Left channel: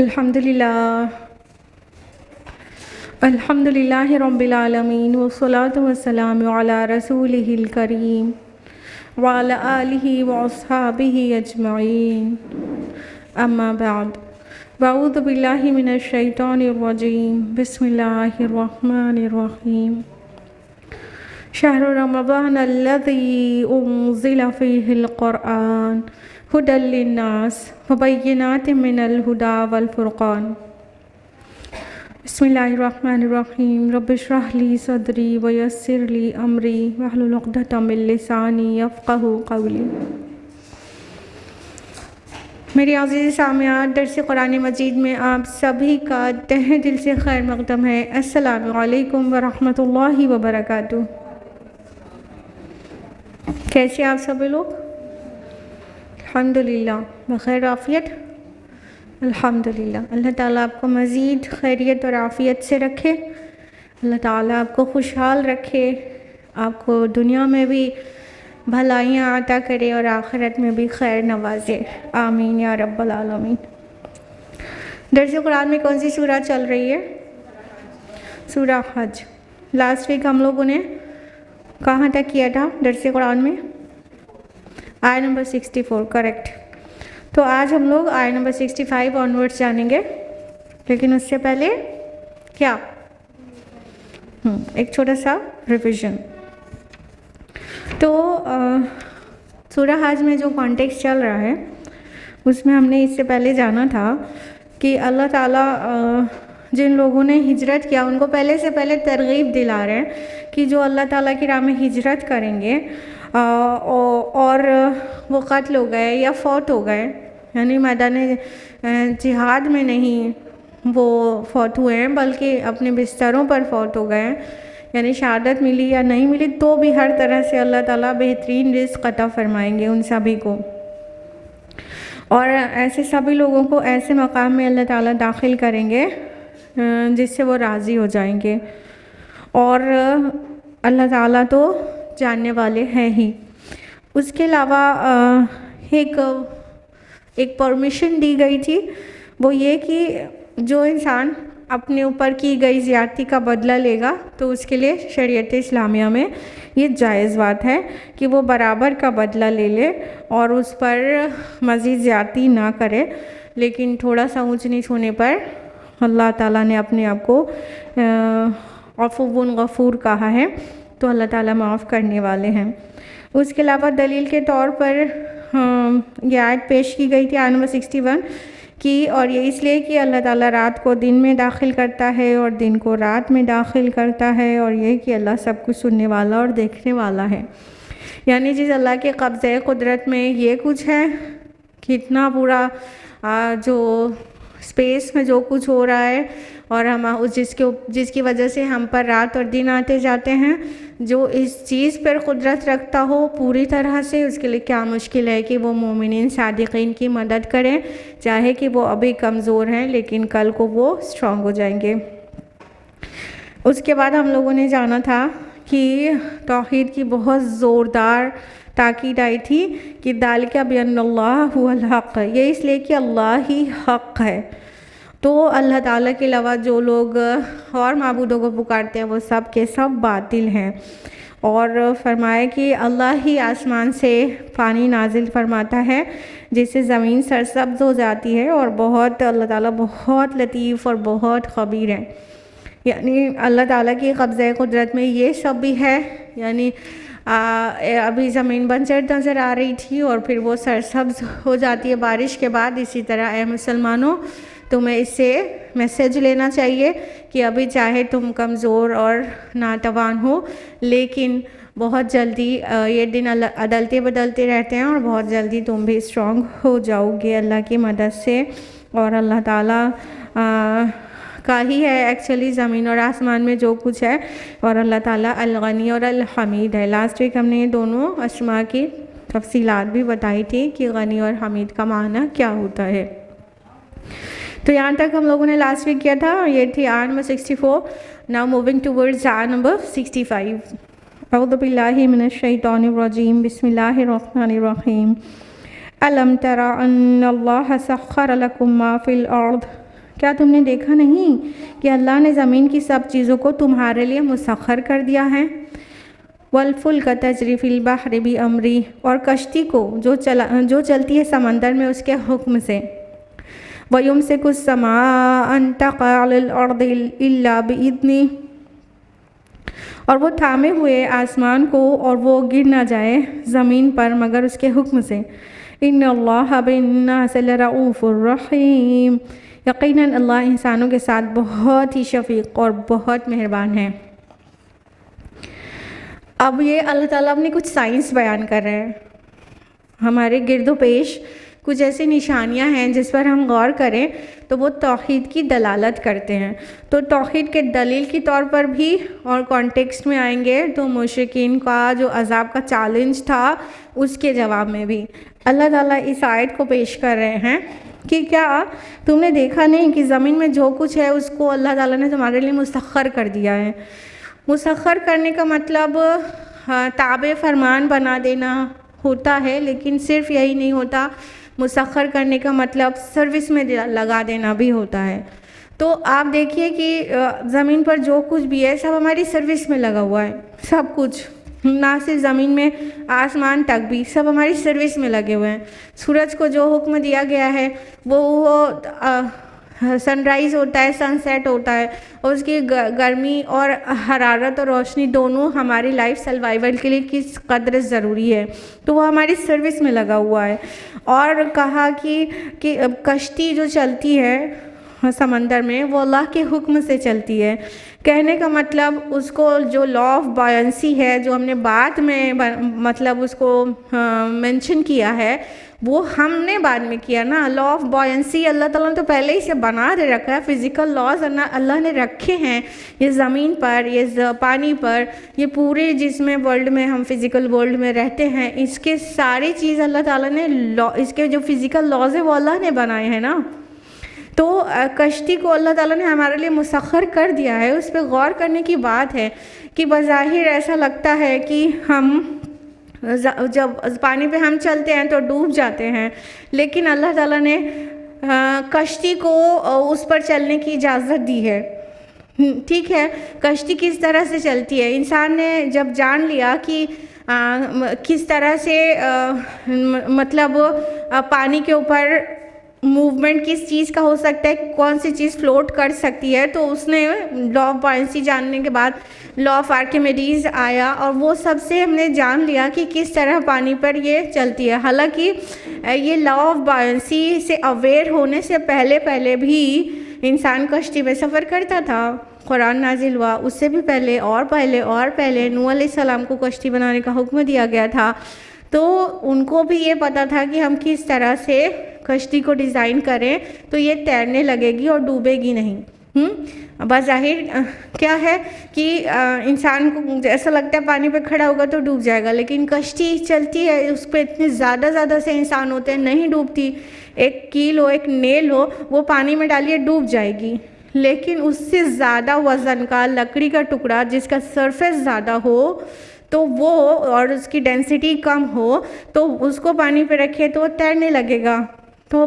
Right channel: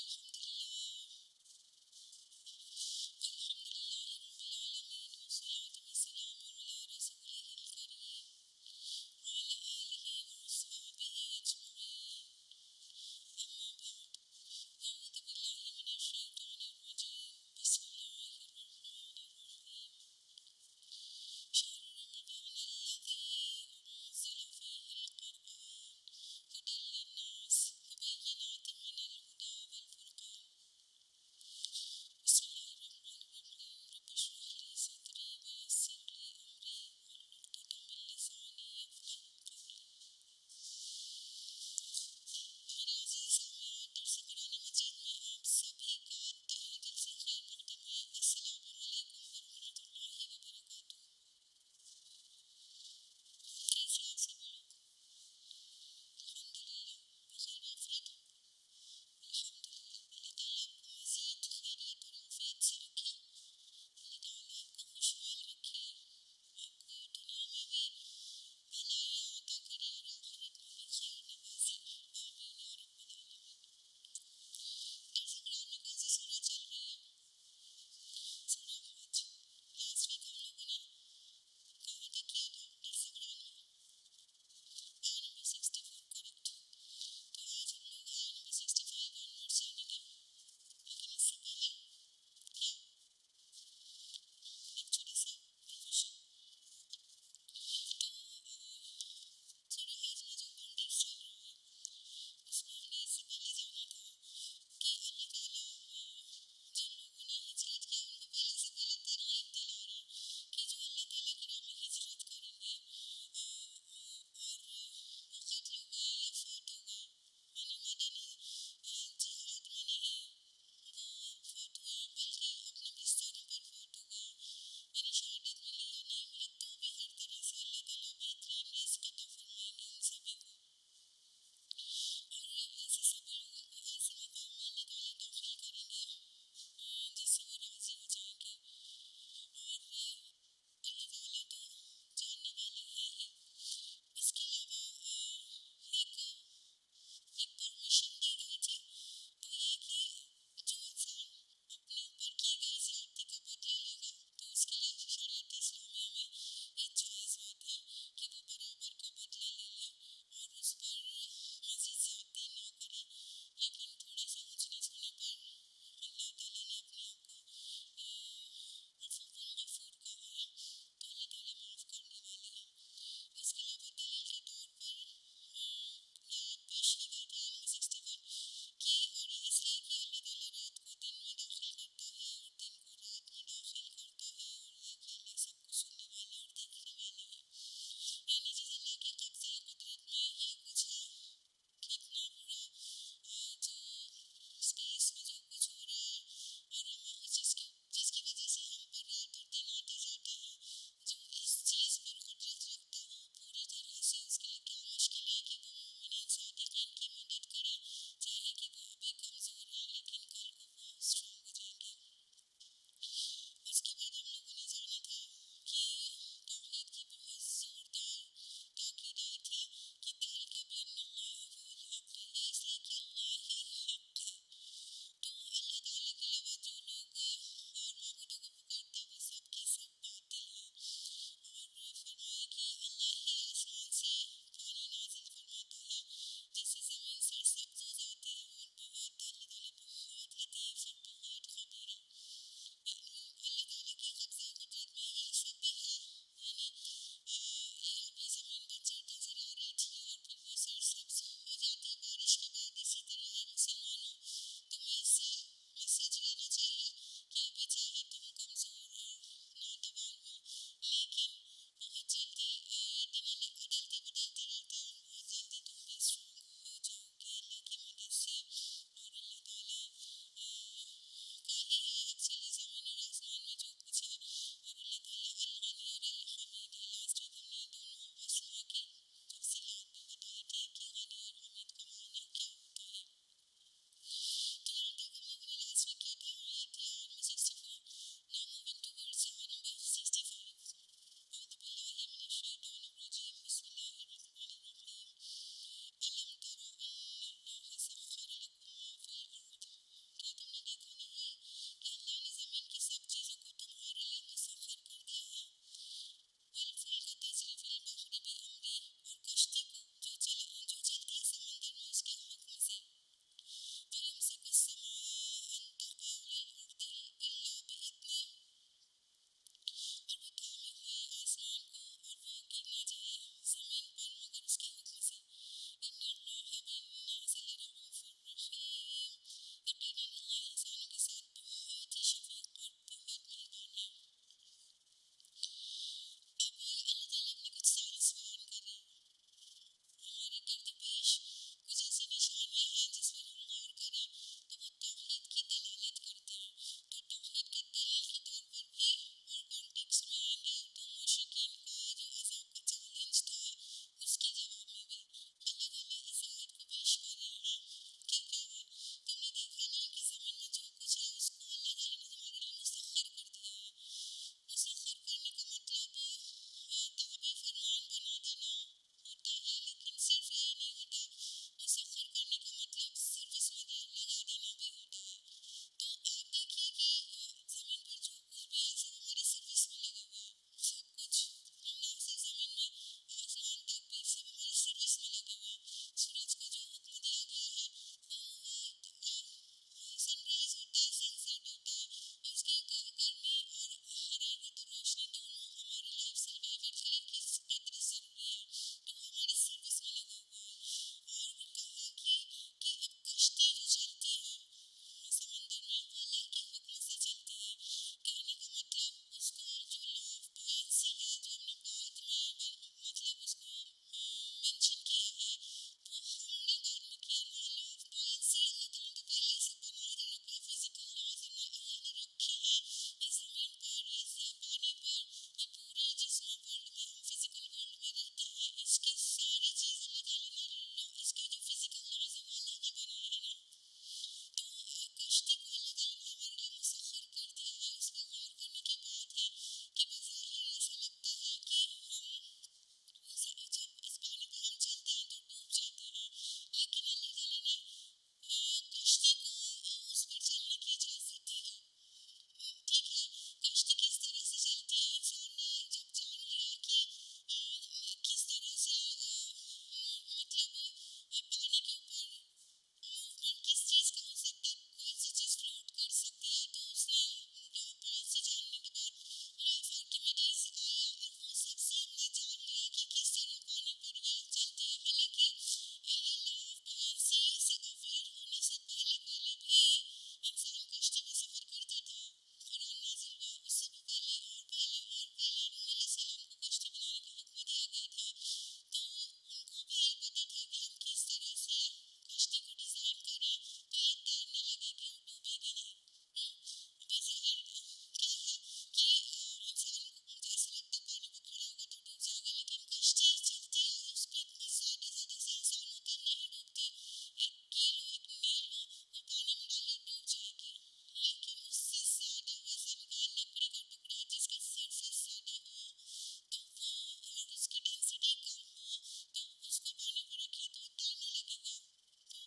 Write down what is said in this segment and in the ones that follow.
الحمدللہ رب العالمین والصلاة والسلام علی رسولہ الکریم وعلی آلہ واصحابہ اجمعین اما بعد اعوذ باللہ من الشیطان الرجیم بسم اللہ الرحمن الرحیم شہر رمضان الذی انزل فیہ القرآن ہدی للناس وبینات من الہدی والفرقان بسم اللہ الرحمن الرحیم رب اشرح لی صدری ویسر لی امری واحلل عقدۃ من لسانی یفقہوا قولی۔ میری عزیز سامعات، درس قرآن مجید میں آپ سبھی کا تہہ دل سے خیر مقدم ہے۔ السلام علیکم ورحمۃ اللہ وبرکاتہ۔ کیسے آپ سبھی لوگ؟ الحمدللہ بخیر عافیت؟ الحمدللہ۔ اللہ تعالیٰ آپ کو مزید خیریت اور عافیت سے رکھے، اللہ تعالیٰ آپ کو خوشحال رکھے، آپ کو دنیا میں بھی بھلائیاں عطا کرے اور آخرت میں بھی خیر نوازے، آمین یا رب العالمین۔ درس قرآن میں کون سی سورہ چل رہی ہے؟ سورہ حج۔ لاسٹ ویک ہم لوگوں نے کہاں تک کیا تھا درس قرآن میں؟ آیت نمبر 64، کریکٹ۔ تو آج ہم لوگ آیت نمبر 65 آنورڈس جانیں گے، لیکن اس سے پہلے کیا ایک چھوٹا سا ریویژن۔ تو سورہ حج میں جو کانٹیکسٹ چل رہا ہے اس میں ہم نے اس سے پہلے جانا تھا کہ اللہ تعالیٰ جن لوگوں نے ہجرت کیا ان کو پہلے سے پہلے ترغیب دلا رہے ہیں کہ جو اللہ تعالیٰ کی راہ میں ہجرت کریں گے اور وہ قتل ہو گئے یا فوت ہو گئے، یعنی میدان جہاد میں نہیں وہ فوت ہوئے ہیں بلکہ اپنے بستروں پر فوت ہو گئے ہیں، یعنی شہادت ملی یا نہیں ملی تو بھی ہر طرح سے اللہ تعالیٰ بہترین رزق عطا فرمائیں گے ان سبھی کو، اور ایسے سبھی لوگوں کو ایسے مقام میں اللہ تعالیٰ داخل کریں گے جس سے وہ راضی ہو جائیں گے، اور اللہ تعالیٰ تو جاننے والے ہیں ہی۔ اس کے علاوہ ایک پرمیشن دی گئی تھی، وہ یہ کہ جو انسان اپنے اوپر کی گئی زیادتی کا بدلہ لے گا تو اس کے لیے شریعت اسلامیہ میں یہ جائز بات ہے کہ وہ برابر کا بدلہ لے لے اور اس پر مزید زیادتی نہ کرے، لیکن تھوڑا سا اونچ نیچ ہونے پر اللہ تعالیٰ نے اپنے آپ کو عفو غفور کہا ہے، تو اللہ تعالیٰ معاف کرنے والے ہیں۔ اس کے علاوہ دلیل کے طور پر یہ آیت پیش کی گئی تھی آیت نمبر 61 کی، اور یہ اس لیے کہ اللہ تعالیٰ رات کو دن میں داخل کرتا ہے اور دن کو رات میں داخل کرتا ہے، اور یہ کہ اللہ سب کچھ سننے والا اور دیکھنے والا ہے، یعنی جس اللہ کے قبضۂ قدرت میں یہ کچھ ہے کہ اتنا پورا جو اسپیس میں جو کچھ ہو رہا ہے اور ہم جس کی وجہ سے ہم پر رات اور دن آتے جاتے ہیں، جو اس چیز پر قدرت رکھتا ہو پوری طرح سے، اس کے لیے کیا مشکل ہے کہ وہ مومنین صادقین کی مدد کریں، چاہے کہ وہ ابھی کمزور ہیں لیکن کل کو وہ اسٹرانگ ہو جائیں گے۔ اس کے بعد ہم لوگوں نے جانا تھا کہ توحید کی بہت زوردار تاکید آئی تھی کہ ذالک بأن اللہ هو الحق، یہ اس لیے کہ اللہ ہی حق ہے، تو اللہ تعالیٰ کے علاوہ جو لوگ اور معبودوں کو پکارتے ہیں وہ سب کے سب باطل ہیں، اور فرمایا کہ اللہ ہی آسمان سے پانی نازل فرماتا ہے جس سے زمین سرسبز ہو جاتی ہے، اور اللہ تعالیٰ بہت لطیف اور بہت خبیر ہے، یعنی اللہ تعالیٰ کی قبضۂ قدرت میں یہ سب بھی ہے، یعنی ابھی زمین بنجر نظر آ رہی تھی اور پھر وہ سرسبز ہو جاتی ہے بارش کے بعد، اسی طرح اے مسلمانوں تمہیں اس سے میسیج لینا چاہیے کہ ابھی چاہے تم کمزور اور ناتوان ہو لیکن بہت جلدی یہ دن عدلتے بدلتے رہتے ہیں اور بہت جلدی تم بھی اسٹرانگ ہو جاؤ گے اللہ کی مدد سے، اور اللہ تعالیٰ کا ہی ہے ایکچولی زمین اور آسمان میں جو کچھ ہے، اور اللہ تعالیٰ الغنی اور الحمید ہے۔ لاسٹ ویک ہم نے یہ دونوں اسماء کی تفصیلات بھی بتائی تھی کہ غنی اور حمید کا معنی کیا ہوتا ہے۔ تو یہاں تک ہم لوگوں نے لاسٹ ویک کیا تھا، یہ تھی آیت نمبر 64۔ ناؤ موونگ ٹورڈز آیت نمبر 65۔ اعوذ باللہ من الشیطان الرجیم، بسم اللہ الرحمن الرحیم۔ الم تر ان اللہ سخر لکم ما فی الارض کیا تم نے دیکھا نہیں کہ اللہ نے زمین کی سب چیزوں کو تمہارے لیے مسخر کر دیا ہے؟ والفلک تجری فی البحر بامری، اور کشتی کو جو چلتی ہے سمندر میں اس کے حکم سے۔ وَيُمْسِكُ السَّمَاءَ أَن تَقَعَ عَلَى الْأَرْضِ إِلَّا بِإِذْنِهِ، اور وہ تھامے ہوئے آسمان کو اور وہ گر نہ جائے زمین پر مگر اس کے حکم سے۔ ان اللہ بالناس لرؤوف الرحیم، یقیناً اللہ انسانوں کے ساتھ بہت ہی شفیق اور بہت مہربان ہے۔ اب یہ اللہ تعالیٰ اپنی کچھ سائنس بیان کر رہے ہیں۔ ہمارے گرد و پیش کچھ ایسی نشانیاں ہیں جس پر ہم غور کریں تو وہ توحید کی دلالت کرتے ہیں۔ تو توحید کے دلیل کے طور پر بھی اور کانٹیکسٹ میں آئیں گے تو مشرکین کا جو عذاب کا چیلنج تھا اس کے جواب میں بھی اللہ تعالیٰ اس آیت کو پیش کر رہے ہیں کہ کیا تم نے دیکھا نہیں کہ زمین میں جو کچھ ہے اس کو اللہ تعالیٰ نے تمہارے لیے مسخر کر دیا ہے۔ مسخر کرنے کا مطلب تابع فرمان بنا دینا ہوتا ہے، لیکن صرف یہی نہیں ہوتا، مسخر کرنے کا مطلب سروس میں لگا دینا بھی ہوتا ہے۔ تو آپ دیکھیے کہ زمین پر جو کچھ بھی ہے سب ہماری سروس میں لگا ہوا ہے، سب کچھ، نہ صرف زمین میں، آسمان تک بھی سب ہماری سروس میں لگے ہوئے ہیں۔ سورج کو جو حکم دیا گیا ہے وہ سن رائز ہوتا ہے، سن سیٹ ہوتا ہے، اور اس کی گرمی اور حرارت اور روشنی دونوں ہماری لائف سروائیول کے لیے کس قدر ضروری ہے، تو وہ ہماری سروس میں لگا ہوا ہے۔ اور کہا کہ کشتی جو چلتی ہے سمندر میں وہ اللہ کے حکم سے چلتی ہے۔ کہنے کا مطلب اس کو جو لا آف بائنسی ہے جو ہم نے بعد میں مطلب اس کو مینشن کیا ہے وہ ہم نے بعد میں کیا نا۔ لا آف بائنسی اللہ تعالیٰ نے تو پہلے ہی سے بنا دے رکھا ہے، فزیکل لاز اللہ نے رکھے ہیں یہ زمین پر، یہ پانی پر، یہ پورے جس میں ورلڈ میں ہم فزیکل ورلڈ میں رہتے ہیں، اس کے ساری چیز اللہ تعالیٰ نے اس کے جو فزیکل لاز ہے وہ اللہ نے بنائے ہیں نا۔ تو کشتی کو اللہ تعالیٰ نے ہمارے لیے مسخر کر دیا ہے۔ اس پہ غور کرنے کی بات ہے کہ بظاہر ایسا لگتا ہے کہ ہم جب پانی پہ ہم چلتے ہیں تو ڈوب جاتے ہیں، لیکن اللہ تعالیٰ نے کشتی کو اس پر چلنے کی اجازت دی ہے۔ ٹھیک ہے، کشتی کس طرح سے چلتی ہے؟ انسان نے جب جان لیا کہ کس طرح سے مطلب پانی کے اوپر موومنٹ کس چیز کا ہو سکتا ہے، کون سی چیز فلوٹ کر سکتی ہے، تو اس نے لا آف بائنسی جاننے کے بعد لا آف آرکیمیڈیز آیا اور وہ سب سے ہم نے جان لیا کہ کس طرح پانی پر یہ چلتی ہے۔ حالانکہ یہ لا آف بائنسی سے اویئر ہونے سے پہلے بھی انسان کشتی میں سفر کرتا تھا۔ قرآن نازل ہوا اس سے بھی پہلے اور پہلے نوح علیہ السلام کو کشتی بنانے کا حکم دیا گیا تھا، تو ان کو بھی یہ پتہ تھا کہ ہم کس طرح سے کشتی کو ڈیزائن کریں تو یہ تیرنے لگے گی اور ڈوبے گی نہیں۔ بظاہر کیا ہے کہ انسان کو ایسا لگتا ہے پانی پہ کھڑا ہوگا تو ڈوب جائے گا، لیکن کشتی چلتی ہے، اس پہ اتنے زیادہ سے انسان ہوتے ہیں، نہیں ڈوبتی۔ ایک کیل ہو، ایک نیل ہو، وہ پانی میں ڈالیے ڈوب جائے گی، لیکن اس سے زیادہ وزن کا لکڑی کا ٹکڑا جس کا سرفیس زیادہ ہو تو وہ اور اس کی ڈینسٹی کم ہو تو اس کو پانی پہ رکھے تو وہ تیرنے لگے گا۔ تو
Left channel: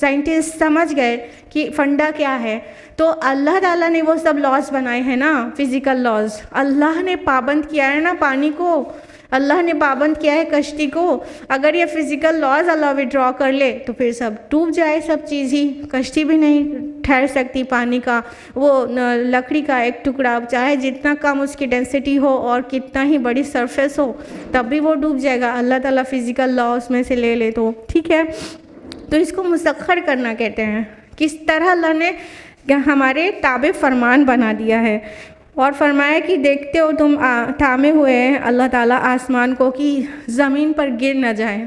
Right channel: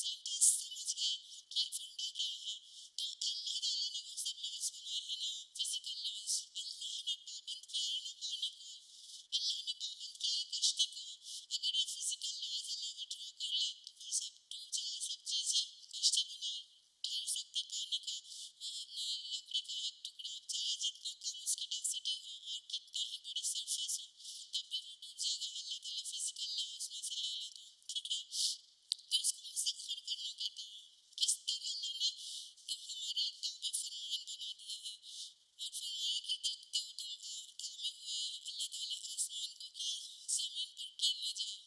سائنٹسٹ سمجھ گئے کہ فنڈا کیا ہے، تو اللہ تعالیٰ نے وہ سب لاز بنائے ہیں نا، فزیکل لاز۔ اللہ نے پابند کیا ہے نا پانی کو، اللہ نے پابند کیا ہے کشتی کو۔ اگر یہ فزیکل لاز اللہ وڈرا کر لے تو پھر سب ڈوب جائے، سب چیز ہی، کشتی بھی نہیں ٹھہر سکتی، پانی کا وہ لکڑی کا ایک ٹکڑا چاہے جتنا کم اس کی ڈینسٹی ہو اور کتنا ہی بڑی سرفیس ہو تب بھی وہ ڈوب جائے گا، اللہ تعالیٰ فزیکل لا اس میں سے لے لے تو۔ ٹھیک ہے، تو اس کو مسخر کرنا کہتے ہیں، کس طرح اللہ نے ہمارے تابع فرمان بنا دیا ہے۔ اور فرمایا کہ دیکھتے ہو تم تھامے ہوئے ہیں اللہ تعالیٰ آسمان کو کہ زمین پر گر نہ جائے۔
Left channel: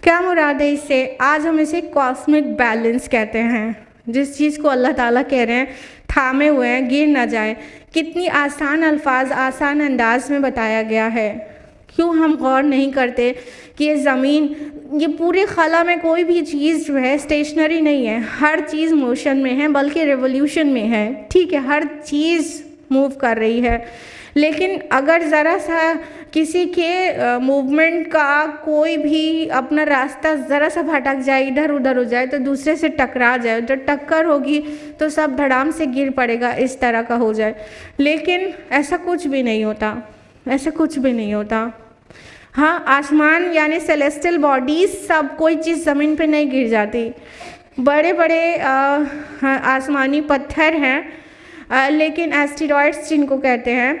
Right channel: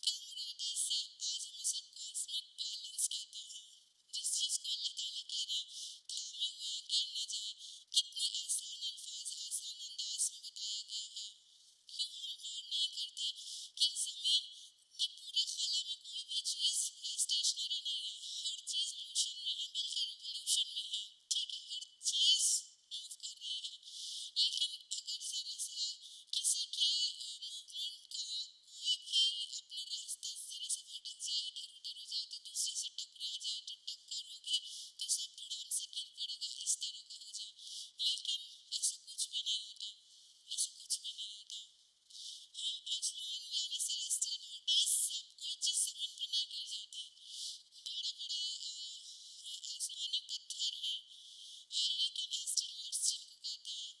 کیا مراد ہے اس سے؟ آج ہم اسے کاسمک بیلنس کہتے ہیں، جس چیز کو اللہ تعالیٰ کہہ رہے ہیں تھامے ہوئے ہیں گر نہ جائے۔ کتنی آسان الفاظ، آسان انداز میں بتایا گیا ہے۔ کیوں ہم غور نہیں کرتے کہ یہ زمین، یہ پورے خلا میں کوئی بھی چیز جو ہے اسٹیشنری نہیں ہے، ہر چیز موشن میں ہے، بلکہ ریولیوشن میں ہے۔ ٹھیک ہے، ہر چیز موو کر رہی ہے، لیکن اگر ذرا سا کسی کے موومنٹ کا کوئی بھی اپنا راستہ ذرا سا بھٹک جائے، ادھر ادھر ہو جائے، تو دوسرے سے ٹکرا جائے، تو ٹکر ہوگی تو سب دھڑام سے گر پڑے گا، اس طرح کا ہو جائے. لیکن ایسا کچھ بھی نہیں ہوتا، ایسا کچھ بھی نہیں ہوتا. ہاں، آسمان یعنی سیلیسٹل باڈیز سب کوئی چیز زمین پہ نہیں گر جاتی. بڑے بڑے آسمانی پتھر ہیں، لیکن ایسٹیرائڈس جن کو کہتے ہیں،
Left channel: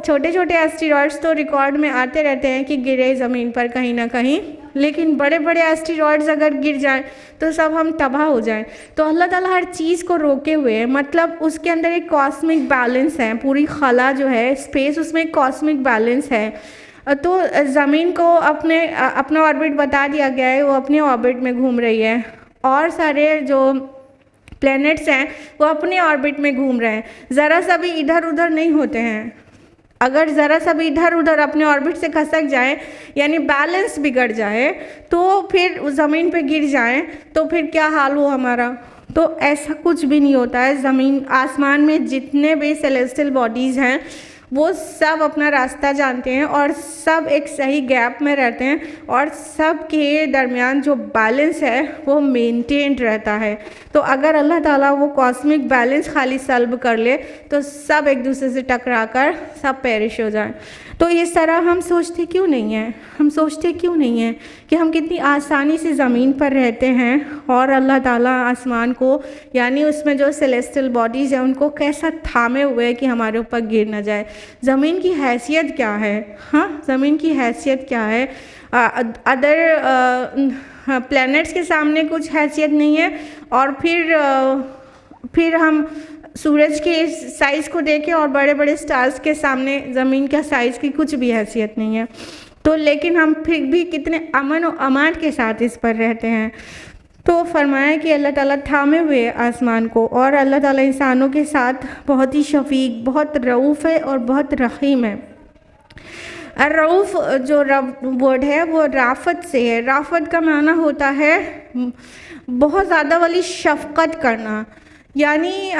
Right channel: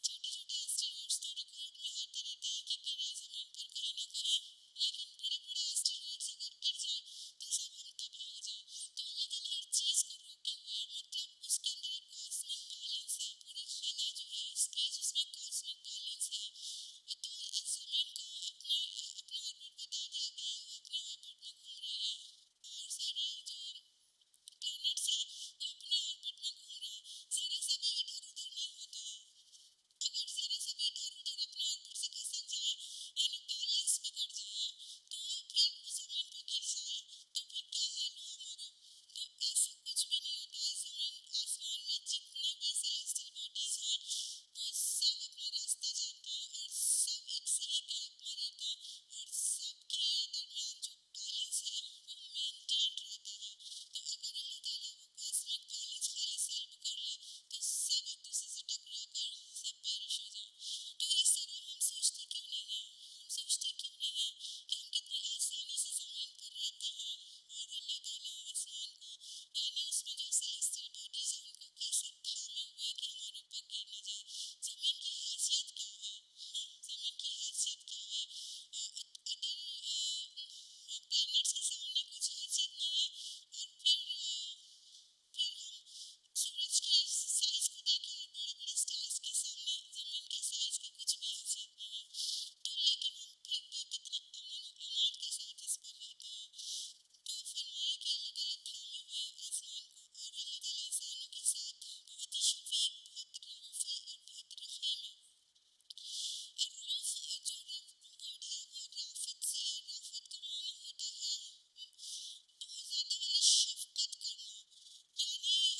چھوٹے چھوٹے ایسٹیرائڈس تو ریکارڈ میں آتے رہتے ہیں کہ گرے زمین پر کہیں نہ کہیں، لیکن بڑے بڑے ایسٹیرائڈز اگر گر جائیں تو سب ہم تباہ ہو جائیں. تو اللہ تعالیٰ ہر چیز کو روکے ہوئے ہیں، مطلب اس کے اندر ایک کاسمک بیلنس ہے. پوری خلا جو ہے اسپیس، اس میں ایک کاسمک بیلنس ہے. تو زمین کو اپنا آربٹ بتا دیا گیا ہے، وہ اپنے آربٹ میں گھوم رہی ہے، اور سارے جو پلینٹس ہیں وہ اپنے آربٹ میں گھوم رہے ہیں، ذرا سا بھی ادھر ادھر نہیں ہوتے ہیں. اگر ذرا سا بھی ادھر ادھر اپنے آربٹ سے کھسک جائیں، یعنی بیلنس بگڑ جائے، تو پھر زمین پہ گر جائیں تو پھر کیا حال ہو ہمارا. تو ایسا کچھ بھی نہیں ہوتا ہے. زمین آسمان میں جتنے بھی سیلیسٹل باڈیز ہیں وہ سب اپنا راستہ جانتے ہیں، اور سب ایک صحیح گیپ میں رہتے ہیں، اور سب کے درمیان جو بیلنس ہے وہ مینٹینڈ رہتا ہے. تو اگر اللہ تعالیٰ وہ کاسمک بیلنس خالی سلب کر لے تو سب ایک دوسرے سے ٹکرا کر سب پیرش ہو جائیں. تو اس طرح ہم سوچتے کیوں نہیں ہیں؟ ہم سوچتے کیوں نہیں ہیں کہ ہم کتنی آسانی سے زمین پر رہتے ہیں، اور اللہ تعالیٰ آسمان کو یعنی اس میں جو سیلیسٹل باڈیز ہیں ان کو کیسا تھامے ہوئے کہ ہمارے اوپر گر نہ جائے. زمین کی حیثیت کیا ہے؟ ہاں، زمین کی حیثیت کیا ہے؟ ادر پلینٹس کے سامنے کچھ حیثیت نہیں ہے، اور پھر ہم سورج کے سائز کو دیکھیں اور بڑے بڑے سٹارز کے سامنے زمین کا سائز کی کچھ بھی حیثیت نہیں ہے. تو لیکن ہم پھر بھی کتنے امن و امان کے ساتھ اس پر رہتے ہیں. تو فرمایا کہ اللہ تعالیٰ تھامے ہوئے آسمان کو، اور اللہ تعالیٰ انسانوں کے ساتھ بہت ہی شفیق، بہت رؤوف ہے اور بہت رحیم ہے. الرؤوف جو ورڈ ہے وہ رافت سے ہے. رافت کا معنی ہوتا ہے بہت زیادہ والی شفقت کرنا. یعنی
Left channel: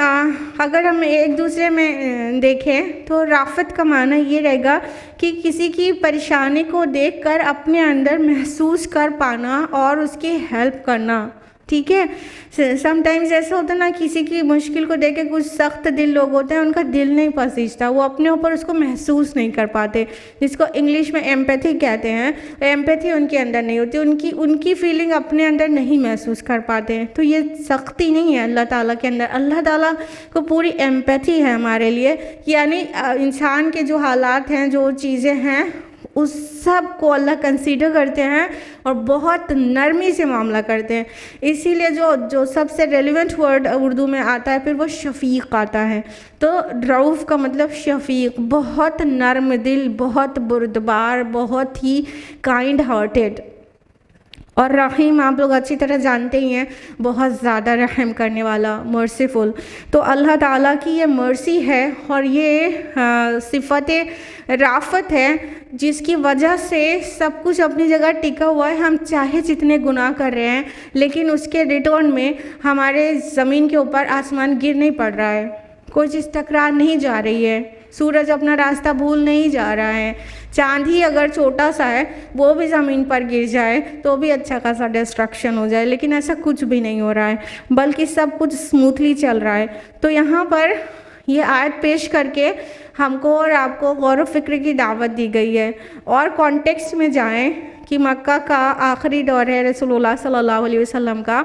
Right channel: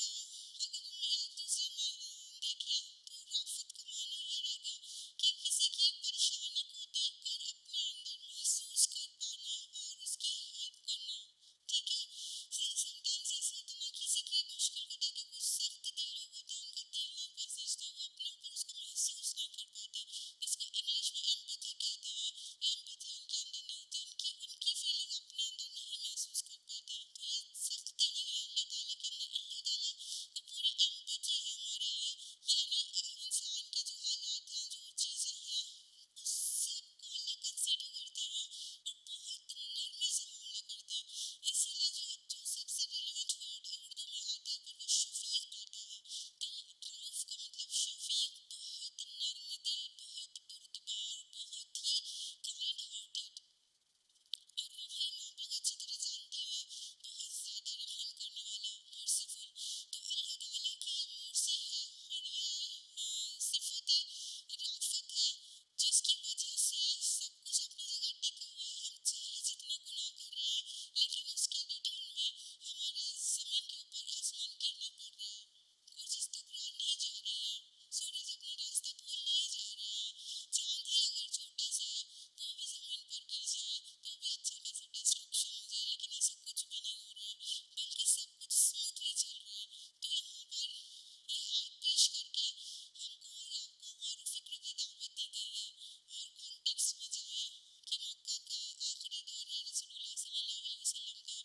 اگر ہم ایک دوسرے میں دیکھیں تو رافت کا معنی یہ رہے گا کہ کسی کی پریشانی کو دیکھ کر اپنے اندر محسوس کر پانا اور اس کی ہیلپ کرنا. ٹھیک ہے، سم ٹائمز ایسا ہوتا ہے نا، کسی کی مشکل کو دیکھ کے کچھ سخت دل لوگ ہوتے ہیں، ان کا دل نہیں پسیجتا، وہ اپنے اوپر اس کو محسوس نہیں کر پاتے، جس کو انگلش میں ایمپیتھی کہتے ہیں. ایمپیتھی ان کے اندر نہیں ہوتی، ان کی فیلنگ اپنے اندر نہیں محسوس کر پاتے ہیں. تو یہ سختی نہیں ہے اللہ تعالیٰ کے اندر. اللہ تعالیٰ کو پوری ایمپیتھی ہے ہمارے لیے، یعنی انسان کے جو حالات ہیں، جو چیزیں ہیں، اس سب کو اللہ کنسیڈر کرتے ہیں اور بہت نرمی سے معاملہ کرتے ہیں. اسی لیے جو سب سے ریلیونٹ ورڈ اردو میں آتا ہے پھر وہ شفیق آتا ہے. تو رؤوف کا مطلب شفیق، بہت نرم دل، بہت بردبار، بہت ہی کائنڈ ہارٹیڈ. اور رحیم آپ لوگ اچھی طرح جانتے ہی ہیں، بہت زیادہ رحم کرنے والا، مرسیفل. تو اللہ تعالیٰ کی یہ مرسی ہے اور یہ صفت رافت ہے جس کی وجہ سے سب کچھ اپنی جگہ ٹکا ہوا ہے. ہم چاہے جتنے گناہ کر رہے ہیں لیکن اس کے ریٹرن میں ہمارے زمین کے اوپر آسمان گر نہیں پڑ رہا ہے، کوئی چیز ٹکرا نہیں جا رہی ہے، سورج اپنا راستہ بھول نہیں جا رہا ہے. چاند ہی اگر چھوٹا سا ہے وہ بھی زمین پر گر جائے تو بھی اچھا خاصا ڈسٹرکشن ہو جائے، لیکن ایسا کچھ بھی نہیں ہو رہا ہے، بلکہ سب کچھ اسموتھلی چل رہا ہے. تو یہاں پر یہ آیت پیش کر کے ہم کو اور آپ کو غور و فکر کی دعوت دی گئی ہے. اور کانٹیکسٹ میں جائیں کہ مکہ کا آخری دور ہے رسول اللہ صلی اللہ علیہ وسلم کا،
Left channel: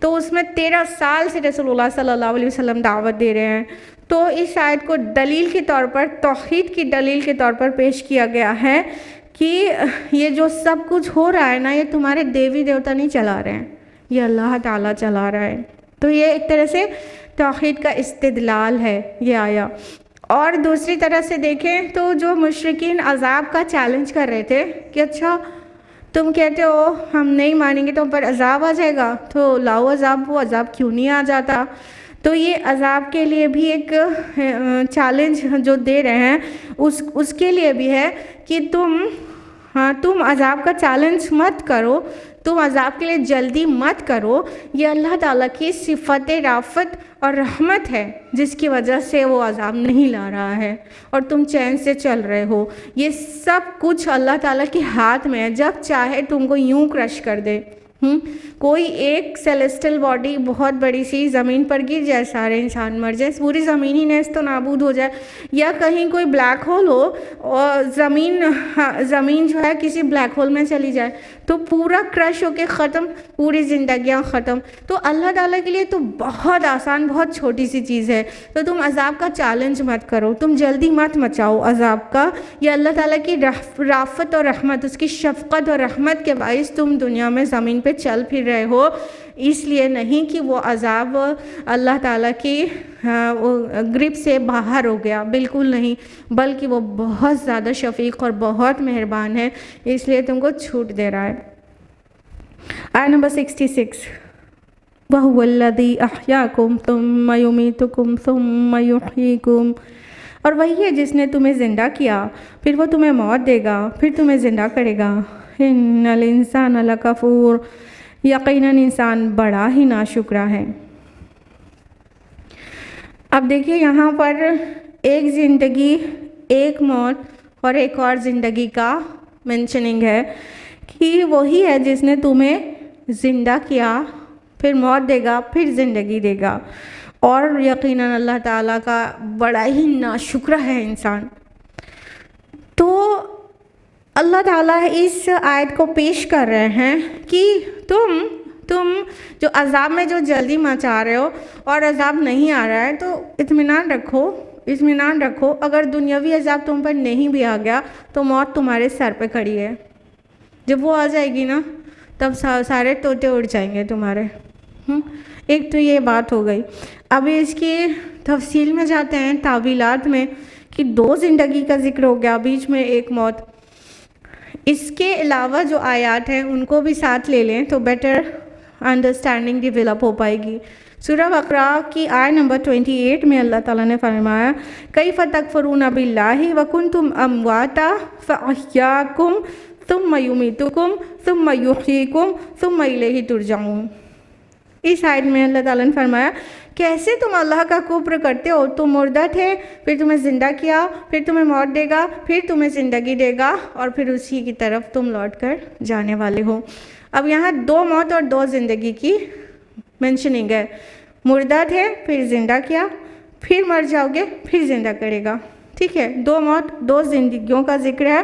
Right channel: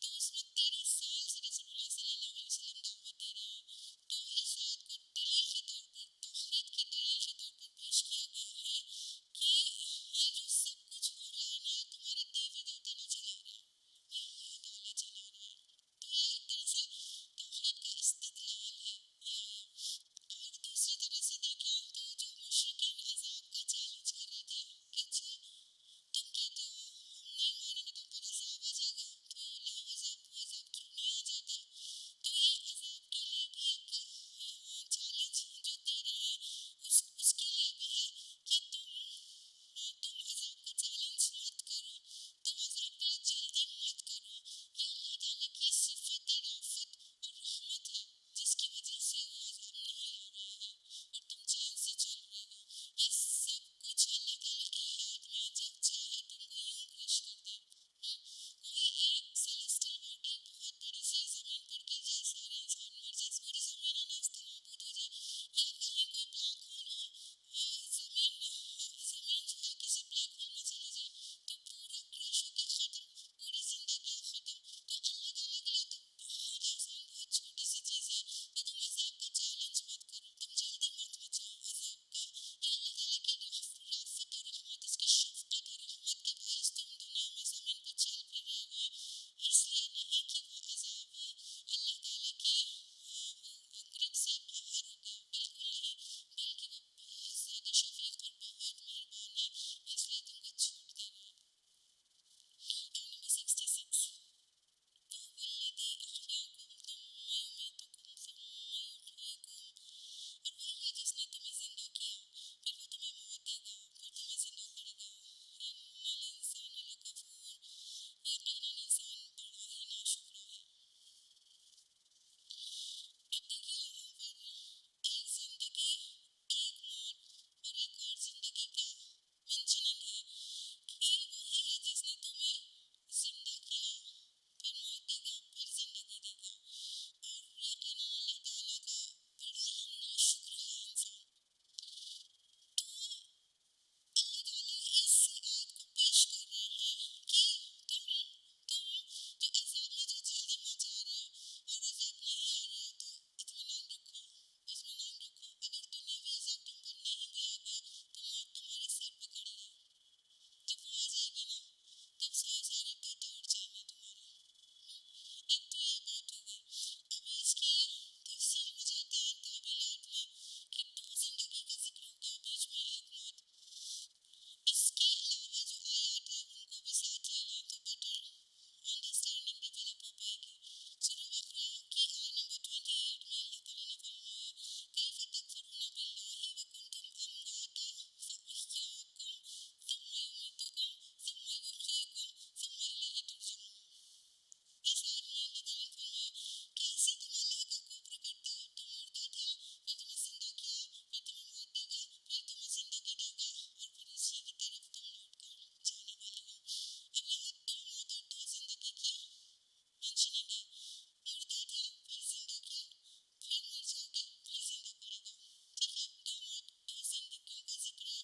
تو اس میں 13 سال سے رسول اللہ صلی اللہ علیہ وسلم دعوت دے رہے ہیں. تو اس آیت کو دلیل کے طور پر، توحید کی دلیل کے طور پر پیش کیا گیا ہے کہ یہ جو سب کچھ ہو رہا ہے نا، یہ تمہارے دیوی دیوتا نہیں چلا رہے ہیں، یہ اللہ تعالیٰ چلا رہا ہے. تو یہ ایک طرح سے توحید کا استدلال ہے یہ آیا. اور دوسری طرح سے دیکھیں تو جو مشرکین عذاب کا چیلنج کر رہے تھے کہ اچھا تم کہتے ہو ہم نہیں مانیں گے تو ہم پر عذاب آ جائے گا، تو لاؤ عذاب، وہ عذاب کیوں نہیں آ جاتا. تو یہ عذاب کے لیے بھی ایک چیلنج جو دے رہے ہیں اس کے لیے بھی ہے کہ تم عذاب کا چیلنج مت کرو، تم عذاب کے لیے جلدی مت کرو، یہ اللہ تعالیٰ کی صفت رافت اور رحمت ہے جس کی وجہ سے وہ عذاب نہیں لا رہا ہے اور تم چین سے چل رہے ہو۔ یہ سب کچھ اللہ تعالیٰ کے ہاتھ میں ہے، جب چاہے تم کو یوں کرش کر دے۔ کوئی ایک سیلیسٹل باڈی بہت بڑی سی زمین پر گر جائے، سارے انسان مر جائے، پوری زمین ہی نیست و نابود ہو جائے، یا کہیں کوئی بلیک ہول ہو اور زمین جو ہے کسی بلیک ہول میں چلی جائے تو پورا کرش ہو کے ختم، پوری زندگیاں ختم۔ تو اللہ تعالیٰ کے لیے تو بہت آسان، بہت چھوٹی سی چیز ہے۔ تو تم عذاب کا چیلنج مت کرو، تم جلدی مت مچاؤ عذاب کا۔ یہ اللہ تعالیٰ کی رافت اور رحمت، اس کی شفقت اور رحمت کے باعث تم دنیا میں زمین پہ چل پھر رہے ہو، اس لیے نہیں کہ وہ عذاب اللہ تعالیٰ کی گرپ سے باہر ہو گیا، بالکل نہیں، بلکہ وہ بہت زیادہ شفیق اور بہت مہربان ہے، اس لیے تم کو چھوٹ دے رہا ہے۔ آیت نمبر 66، وَهُوَ الَّذِي أَحْيَاكُمْ ثُمَّ يُمِيتُكُمْ ثُمَّ يُحْيِيكُمْ، اور وہی ہے جس نے تمہیں زندہ کیا، پھر وہ تمہیں موت دے گا، پھر تمہیں زندہ کرے گا۔ إِنَّ الْإِنسَانَ لَكَفُورٌ، یقیناً انسان بڑا ہی ناشکرا ہے۔ اب دیکھیے یہاں پر ایک زندگی، ایک موت اور ایک اور زندگی کا مینشننگ ہے کہ وہی ہے جس نے تمہیں زندہ کیا، پھر موت دے گا، پھر زندگی دے گا، اور یقیناً اللہ تعالیٰ کا بڑا ہی ناشکرا ہے انسان۔ تو اللہ تعالیٰ اس آیت کو پیش کر رہے ہیں کہ تم جو عذاب میں جو جلدی مچا رہے ہو اور عذاب نہیں آ رہا ہے، تو اطمینان رکھو، اگر دنیاوی عذاب تم پر نہیں بھی آ گیا تو موت تمہارے سر پہ کھڑی ہے، جب وہ آ جائے گی نا تب سارے طوطے اڑ جائیں گے تمہارے۔ ایک تو یہ بات ہو گئی۔ ابھی اس کی تفصیل میں جاتے ہیں، تعویلات میں، کہ 2 زندگی کا ذکر ہو گیا، بیچ میں ایک موت۔ اس کے علاوہ جو آیات ہیں ان کو بھی ساتھ لے لیں تو بیٹر انڈرسٹینڈنگ ڈیولپ ہو پائے گی۔ سورہ بقرہ کی آیت نمبر 28 میں اللہ تعالیٰ نے فرمایا، کیف تکفرون باللہ وکنتم امواتا فاحیاکم ثم یمیتکم ثم یحییکم ثم الیہ ترجعون۔ اس آیت میں اللہ تعالیٰ نے فرمایا، کیسے تم اللہ کا کفر کرتے ہو، تم مردہ تھے، پھر تمہیں زندہ کیا، پھر تمہیں موت دے گا، پھر تمہیں زندگی دے گا، اور پھر اسی کی طرف تم لوٹ کر جانے والے ہو۔ اب یہاں 2 موت اور 2 زندگی کی مینشننگ ہے، مردہ تھے پھر زندہ کیا، پھر مر جاؤ گے پھر زندہ کرے گا، ٹھیک ہے، 2 موت 2 زندگیوں کا ذکر ہے۔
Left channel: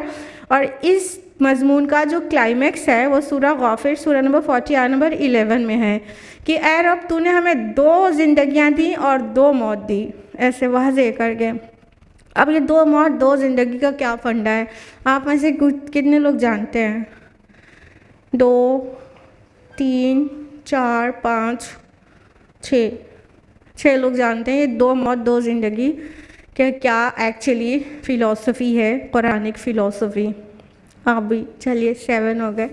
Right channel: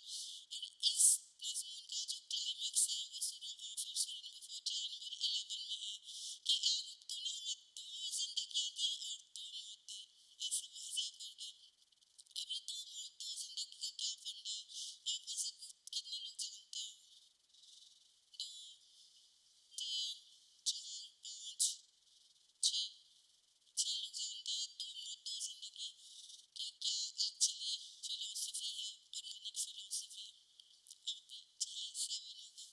اور اس مضمون کا جو کلائمیکس ہے وہ سورہ غافر سورہ نمبر 40 آیت نمبر 11 میں ہے کہ اے رب تو نے ہمیں 2 زندگیاں دیں اور 2 موت دی، ایسے واضح کر کے۔ اب یہ 2 موت 2 زندگی کا کیا فنڈا ہے، آپ میں سے کتنے لوگ جانتے ہیں؟ 2 3 4 5 6 لوگ جانتے ہیں یہ 2 موت 2 زندگی کہ کیا ایکچولی فلسفی ہے، قرآنک فلسفی۔ آپ بھی چلیے 7 ہو گئے،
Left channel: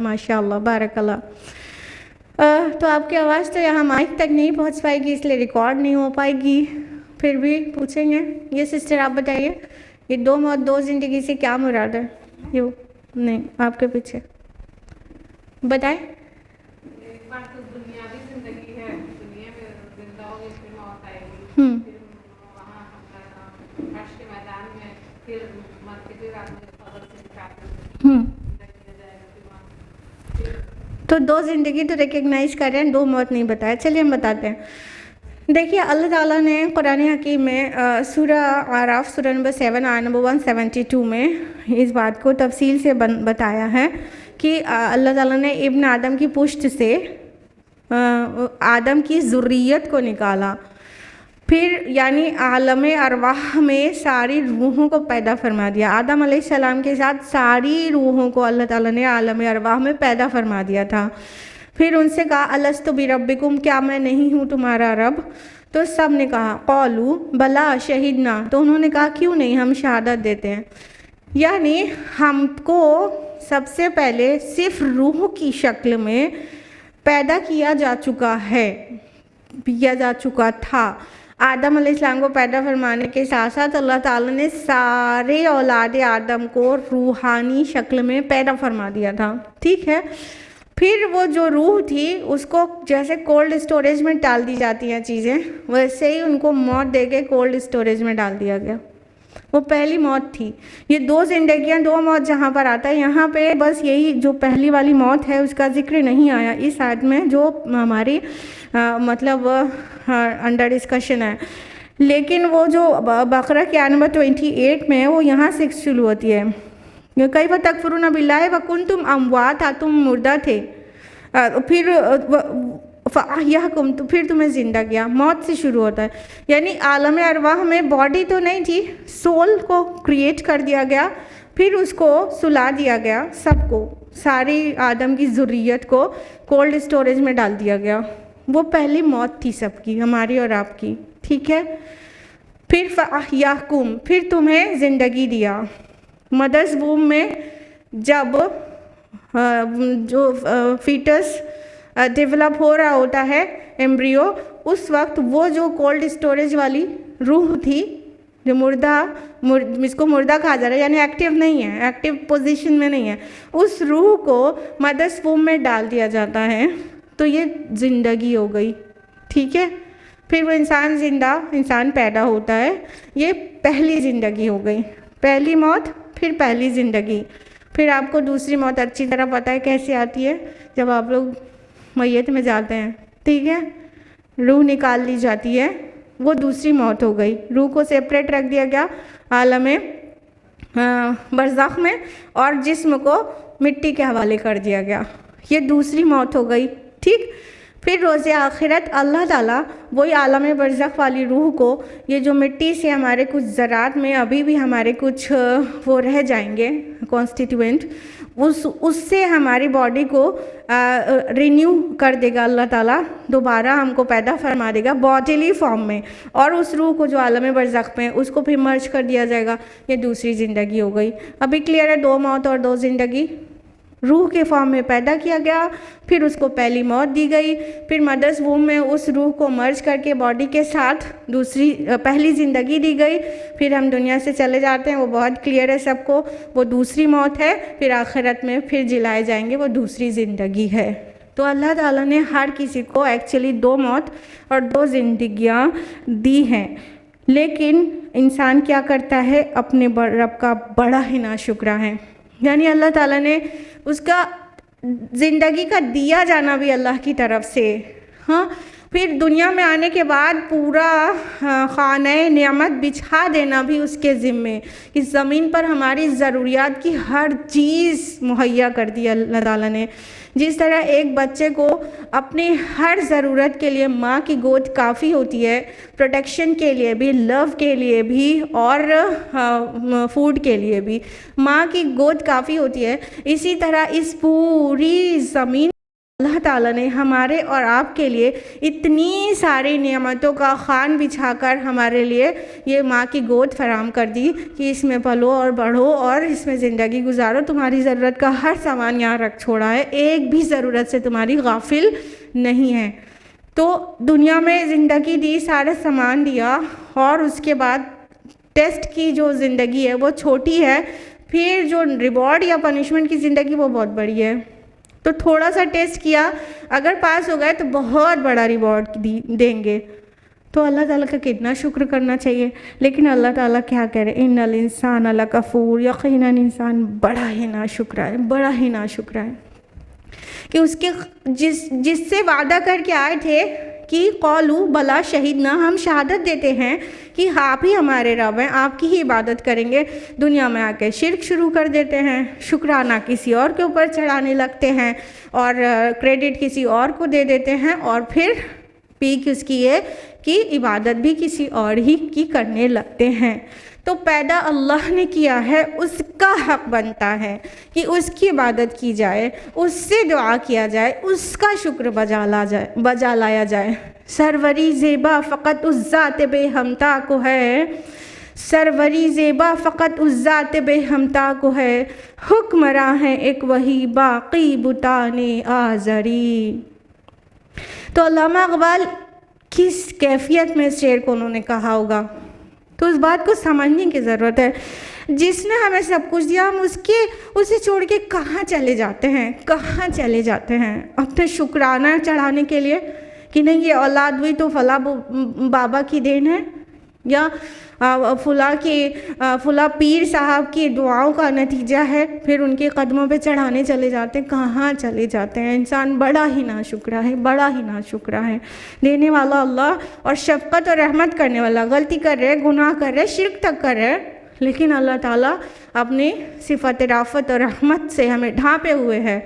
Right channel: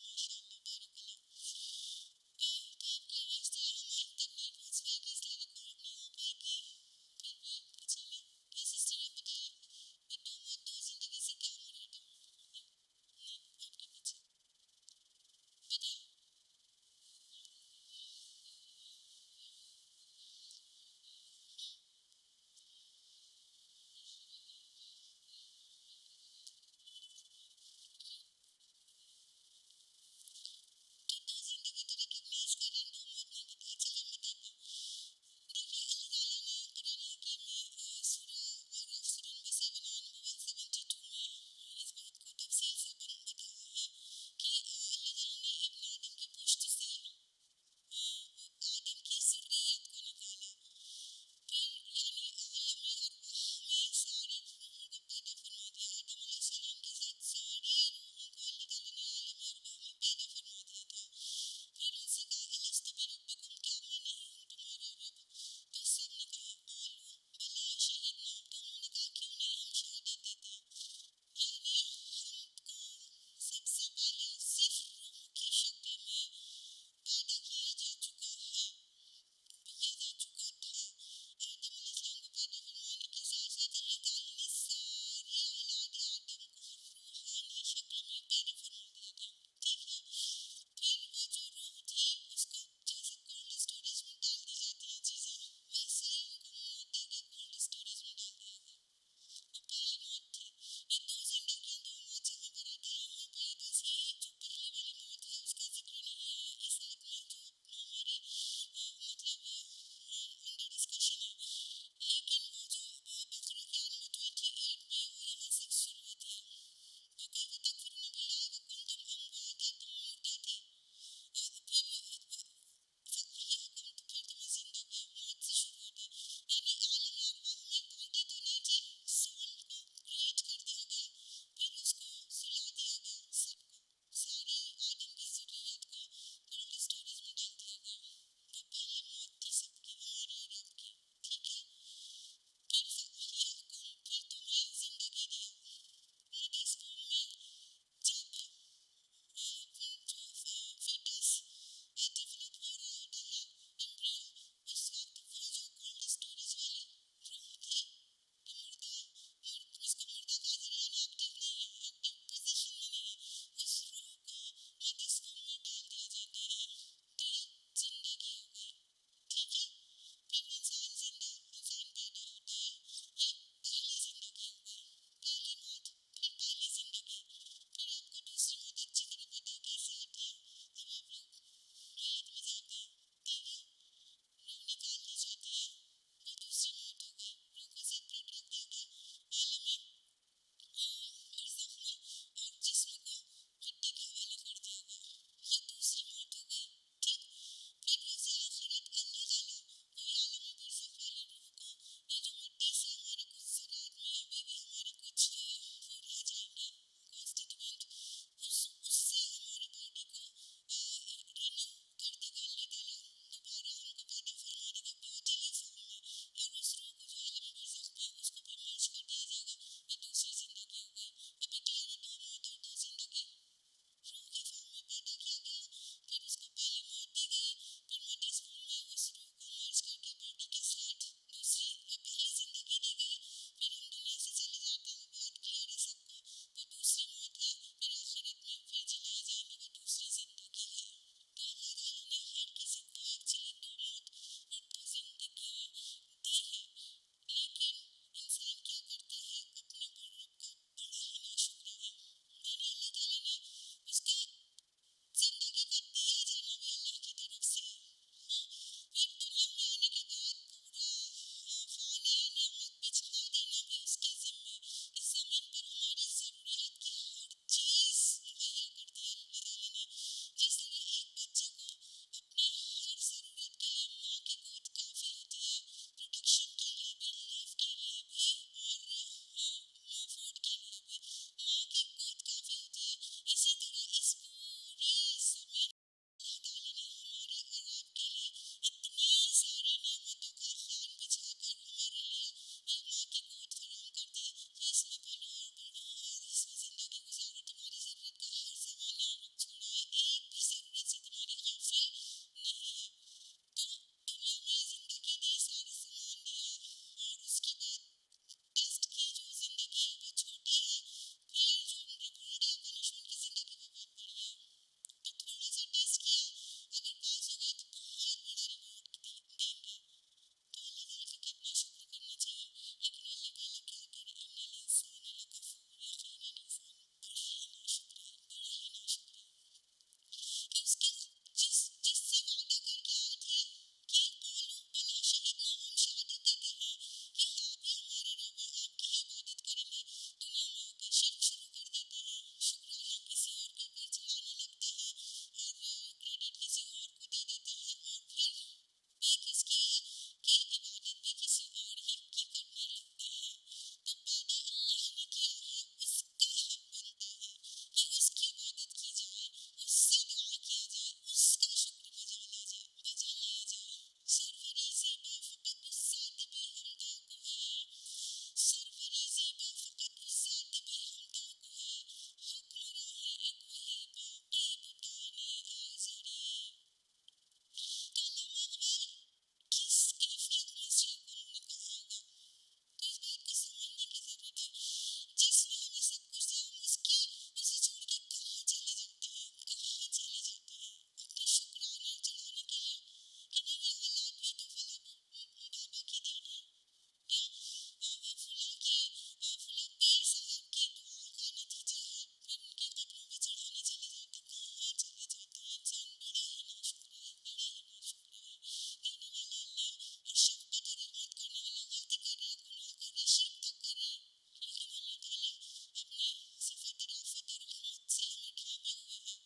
ماشاء اللہ، بارک اللہ۔ تو آپ کی آواز تو یہاں مائک تک نہیں پہنچ پائے گی، اس لیے ریکارڈ نہیں ہو پائے گی، پھر بھی پوچھیں گے۔ یہ سسٹر آپ بتائیے، یہ 2 موت 2 زندگی سے کیا مراد ہے؟ یوں نہیں، آپ کے پیچھے بتائیں۔ ایک بات تو دنیاوی زندگی ہے، دنیا میں زندہ ہوگے پھر موت آئے گی، پھر وہاں عرش کے میدان میں پھر مر کے پھر آدمی قبر سے تو 2 زندگی تو ریکگنائز کر رہے ہیں، 2 موت نہیں بتایا۔ چلیے ہم بتاتے ہیں۔ دیکھیے اللہ تعالیٰ نے قرآن حکیم میں سورہ اعراف سورہ نمبر 7 آیت نمبر 172 میں اس بات کو تفصیل سے بتایا ہے کہ اللہ تعالیٰ نے ابن آدم کی پشت سے آدم کی ذریت کو نکالا، پھر یعنی عالم ارواح میں ساری روحوں کو پیدا فرما دیا۔ آدم علیہ السلام کے ساتھ ساری روحوں کو اللہ تعالیٰ نے عالم ارواح میں پیدا فرما دیا تھا۔ پھر ان سے کہا الست بربکم، کیا میں نہیں ہوں تمہارا رب؟ تو سب نے کہا قالوا بلا شہدنا، تو انہوں نے کہا کیوں نہیں، ہم شہادت دیتے ہیں۔ یعنی ہم کو سب سے پہلے صرف روح کی شکل میں پیدا کیا جا چکا تھا۔ آدم علیہ السلام کو پیدا فرمانے کے ساتھ ساتھ اللہ تعالیٰ نے سارے اولاد آدم کو روحانی شکل میں پیدا فرما دیا تھا، ٹھیک ہے۔ پھر وہ جو روح تھی اس کو جیسے کولڈ اسٹوریج میں ڈال دی جاتی ہیں چیزیں، ویسے ہی ان کو موت دے کے کولڈ اسٹوریج میں ڈال دیا گیا۔ وہ پہلی موت تھی۔ یہ دو زندگیاں، دو موت جہاں پر آتا ہے، یہاں پہ بس یہی جو پہلی والی موت ہے اس کا ذکر نہیں آیا اس آیت میں، جو ہماری مطلب انڈر ڈسکشن ہے۔ لیکن وہ جو بقرہ کی آیت نمبر 28 میں ہے، وہ یہاں سے شروع ہوتی ہے، کیف تکفرون باللہ وکنتم امواتا، تم مردہ تھے، پھر فاحیاکم، تو پھر تمہیں زندہ کیا۔ موت سے شروع ہوتا ہے، یعنی عالم ارواح میں باڈی تو نہیں تھی، سول کو کریٹ کر دیا گیا، پھر اس کو سلا دیا گیا، سب کو، ساری آدم کی ذریت کو کولڈ اسٹوریج میں ڈال دیا گیا۔ وہ پہلی موت تھی سب کی، ہماری اور آپ کی، ٹھیک ہے۔ پھر فاحیاکم، پھر تمہیں زندگی دیا۔ مدرس ووم میں جب جو فیٹس ڈیولپ ہو رہا ہوتا ہے، ایمبریو، اس وقت وہ جو کولڈ اسٹوریج والی روح تھی، جو اس کو مردہ کہا جا رہا ہے، یعنی ایکٹیو نہیں ہے، ایکٹیو پوزیشن میں نہیں ہے، اس روح کو مدرس ووم میں ڈال دیا جاتا ہے، تو یہ زندگی ہو گئی، ٹھیک ہے۔ پھر وہ انسان پیدا ہوتا ہے، یہ پہلی زندگی ہو گئی، پہلی موت، پھر پہلی زندگی۔ پھر آپ کو دوسری موت اچھی طرح پتہ ہے کیسے آتی ہے، جب آپ لوگ میت میں جاتے ہیں، ٹھیک ہے، روح نکال لی جاتی ہے، وہ دوسری موت ہو گئی۔ روح کو سیپریٹ رکھ دیا گیا عالم برزخ میں، اور جسم کو مٹی کے حوالے کر دیا گیا، یہ دوسری موت ہو گئی، ٹھیک۔ پھر روز آخرت اللہ تعالیٰ وہی عالم برزخ والی روح کو، یہ جو مٹی سے ہمارے کچھ ذرات میں ابھی بھی ہمارے کچھ وہ رہ جائیں گے کانسٹیٹیوئنٹ، اس سے ہماری باڈی کو رینیو کر دے گا اللہ تعالیٰ، دوبارہ ہم کو پیدا فرما دے گا باڈیلی فارم میں، اور اس روح کو جو عالم برزخ میں اس کو پھر مرج کر دیا جائے گا، یہ دوسری زندگی ہو گئی۔ ابھی کلیئر ہے، دو موت اور دو زندگی۔ روح کے فارم میں پیدا کیا گیا، پھر اس کو پہلی موت دی گئی، پھر مدرس ووم میں اس روح کو مرج کر کے باڈی کے ساتھ پہلی زندگی دی گئی، پھر ہم دنیا سے چلے جاتے ہیں، وہ بہت کلیئر ہے سب کو، وہ دوسری موت ہے، پھر آخرت میں پھر جلائے جائیں گے، وہ دوسری زندگی ہے۔ تو اللہ تعالیٰ نے ہر کسی کو ایکچولی دو موت اور دو زندگیاں دی ہیں، لیکن انسان کیا کرتا ہے، اپنے رب کا بڑا ہی ناشکرا ہے۔ یعنی اللہ تعالیٰ نے اس کا زندگی کا دیا جانا بھی اللہ کی طرف سے، ہاں، پھر دنیا میں آنے کے بعد پورا خانہ نعمت بچھا دینا بھی اس کے ذمے، اس زمین پر ہماری ضروریات کی ہر چیز مہیا کر دی اللہ تعالیٰ نے۔ جس طرح ایک بچے کو اپنی ہر ضرورت کے لیے ماں کی گود کافی ہوتی ہے، پروٹیکشن کے لیے بھی، لو کے لیے بھی، اور فوڈ کے لیے بھی ماں کی گود کافی ہوتی ہے، اسی طرح اس پوری زمین اللہ تعالیٰ نے ہمارے اور آپ کے لیے اتنی ساری نعمتوں کا خوان بچھا کر ہمارے لیے یہ ماں کی گود فراہم کر دی کہ اس میں پلو اور بڑھو اور اس میں زندگی گزارو، تمہاری ضرورت کا ہر سامان یہاں رکھ چھوڑا ہے، ایک بھی ضرورت سے تمہاری غافل نہیں ہے۔ تو دنیا میں زندگی دی، سارا سامان دیا، اور اس کے بعد ٹیسٹ کی جو زندگی ہے وہ چھوٹی ہے، پھر جو ریوارڈ یا پنشمنٹ کی زندگی وہ بہت بڑی ہے۔ تو تھوڑا سا ٹیسٹ کیا، اگر پاس ہو گئے تو بہت بڑا ریوارڈ دیں گے، تو اللہ تعالیٰ کا کتنا شکر کرنا چاہیے۔ لیکن اللہ تعالیٰ کیا کہہ رہے، ان الانسان لکفور، یقیناً انسان بڑا ہی ناشکرا ہے، بڑا ہی ناشکرا ہے، کہ اس کے جس سے وعدہ کر کے آئے تھے کہ قولوا بلا شہیدنا، ہم شہادت دیتے ہیں کہ آپ ہی ہمارے رب ہیں، آپ کی ہی عبادت کریں گے، دنیا میں آ کے شرک شروع کر دیتے ہیں، شکرانہ کسی اور کے اوپر چڑھانے لگتے ہیں، اور کریڈٹ کسی اور کو دے دیتے ہیں، اور پھر پیک اس کی ہے کہ عبادت بھی کسی اور ہی کی کرنے لگتے ہیں۔ تو پیدا اللہ نے کیا ہے، اس کا حق بنتا ہے کہ اس کی عبادت کی جائے، اس سے دعا کیا جائے، اس کا شکر بجا لایا جائے۔ سروری زیبا فقط اس ذات بے ہمتا کو ہے، سروری زیبا فقط اس ذات بے ہمتا کو ہے، حکمراں ہے ایک وہی باقی بتان آزری۔ تو علامہ اقبال کس کیفیت میں اس شعر کو انہوں نے کہا ہوگا، تو اس بات کو سمجھنے کی ضرورت ہے. جس نے ہمیں سب کچھ دیا ہم اسے چھوڑ کے کہاں چلے جاتے ہیں, کہاں چلے جاتے ہیں اپنے شکرانہ چڑھانے کے لیے کہ نہیں یہ اولاد ہوئی تو فلاں بابا کی دین ہے, یا فلاں پیر صاحب کی دعاؤں کا نتیجہ ہے, پھر ان کے قدموں پہ چڑھانے چلے جاتے ہیں. کہاں چلے جاتے ہیں؟ انسان بڑا ہی ناشکرا ہے, بڑا ہی ناشکرا ہے. دینے والا اللہ اور شفقت اور رحمت کرنے والا, غلطی کر رہے, گناہ کر رہے, شرک تک کر رہے, لیکن اللہ تعالیٰ اپنی صفت رافت اور رحمت سے ہمیں ڈھانپے ہوئے ہے.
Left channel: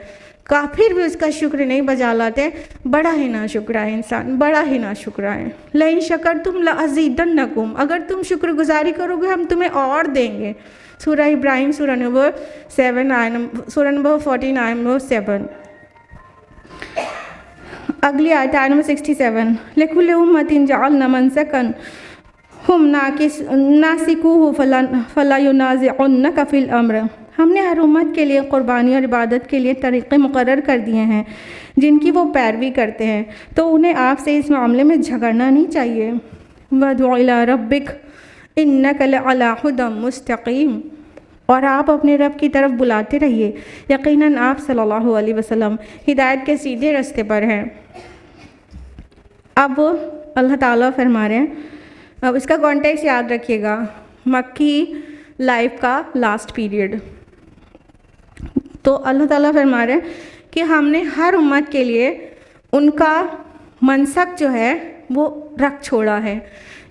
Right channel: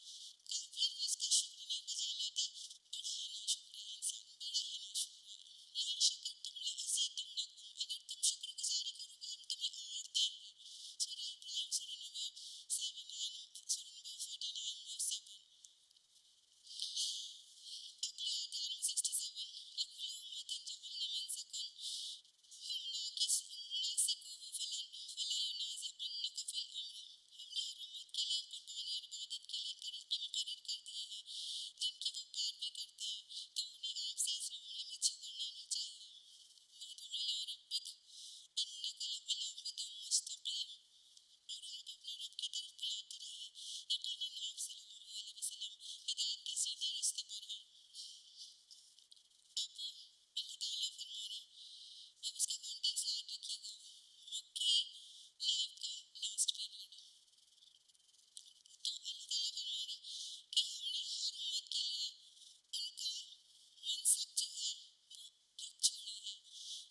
کافر بھی اس کا شکر نہیں بجا لاتے. بڑا ہی ناشکرا ہے انسان, بڑا ہی ناشکرا ہے. لئن شکرتم لأزیدنکم, اگر تم شکر گزاری کرو گے ہم تمہیں اور دیں گے. سورہ ابراہیم سورہ نمبر 14 آیت نمبر 7. اگلی آیت نمبر 67. لِكُلِّ أُمَّةٍ جَعَلْنَا مَنْسَكًا ہم ناسکوہ فلا ینازعنک فی الامر. ہم نے ہر امت کے لیے قربانی اور عبادت کے لیے طریقے مقرر کر دیے ہیں جن کی وہ پیروی کرتے ہیں, تو انہیں آپ سے اس معاملے میں جھگڑنا نہیں چاہیے. وَادْعُ إِلَىٰ رَبِّكَ إِنَّكَ لَعَلَىٰ هُدًى مُسْتَقِيمٍ, اور آپ اپنے رب کی طرف بلاتے رہیے, یقیناً آپ صلی اللہ علیہ وسلم ہدایت کے سیدھے راستے پر ہیں. اب اللہ تعالیٰ فرما رہے ہیں, اب اس کا کانٹیکس یاد رکھیے گا, مکی لائف کا لاسٹ پیریڈ. تو اللہ تعالیٰ فرما رہے ہیں کہ ہم نے ہر امت کے لیے ان کا منسک جو ہے وہ رکھ چھوڑا ہے.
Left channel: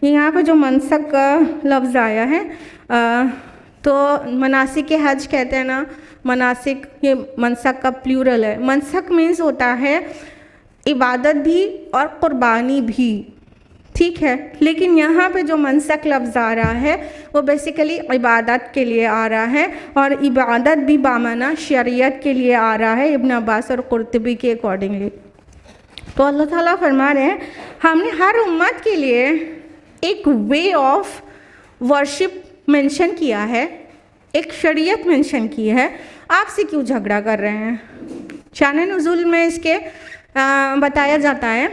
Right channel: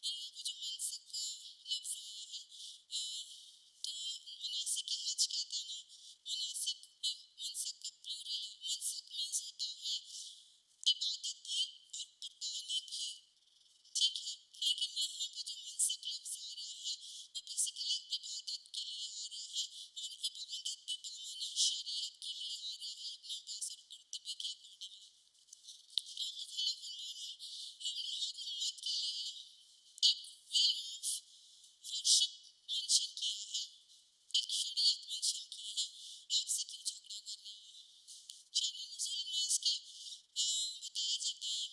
یہاں پہ جو منسک کا لفظ آیا ہے تو مناسک حج کہتے ہیں نا, مناسک یہ منسک کا پلیورل ہے. منسک مینس ہوتا ہے عبادت بھی اور قربانی بھی, ٹھیک ہے, لیکن یہاں پہ جو منسک لفظ آ رہا ہے وہ بیسیکلی عبادت کے لیے آ رہا ہے, اور عبادت بھی بامعنی شریعت کے لیے آ رہا ہے ابن عباس اور قرطبی کے اکارڈنگلی. تو اللہ تعالیٰ فرما رہے ہیں ہم نے ہر امت کے لیے ایک وے آف ورشپ مینشن کیا ہے, ایک شریعت مینشن کی ہے. آپ سے کیوں جھگڑا کر رہے ہیں؟ شان نزول میں اس کے بتایا جاتا ہے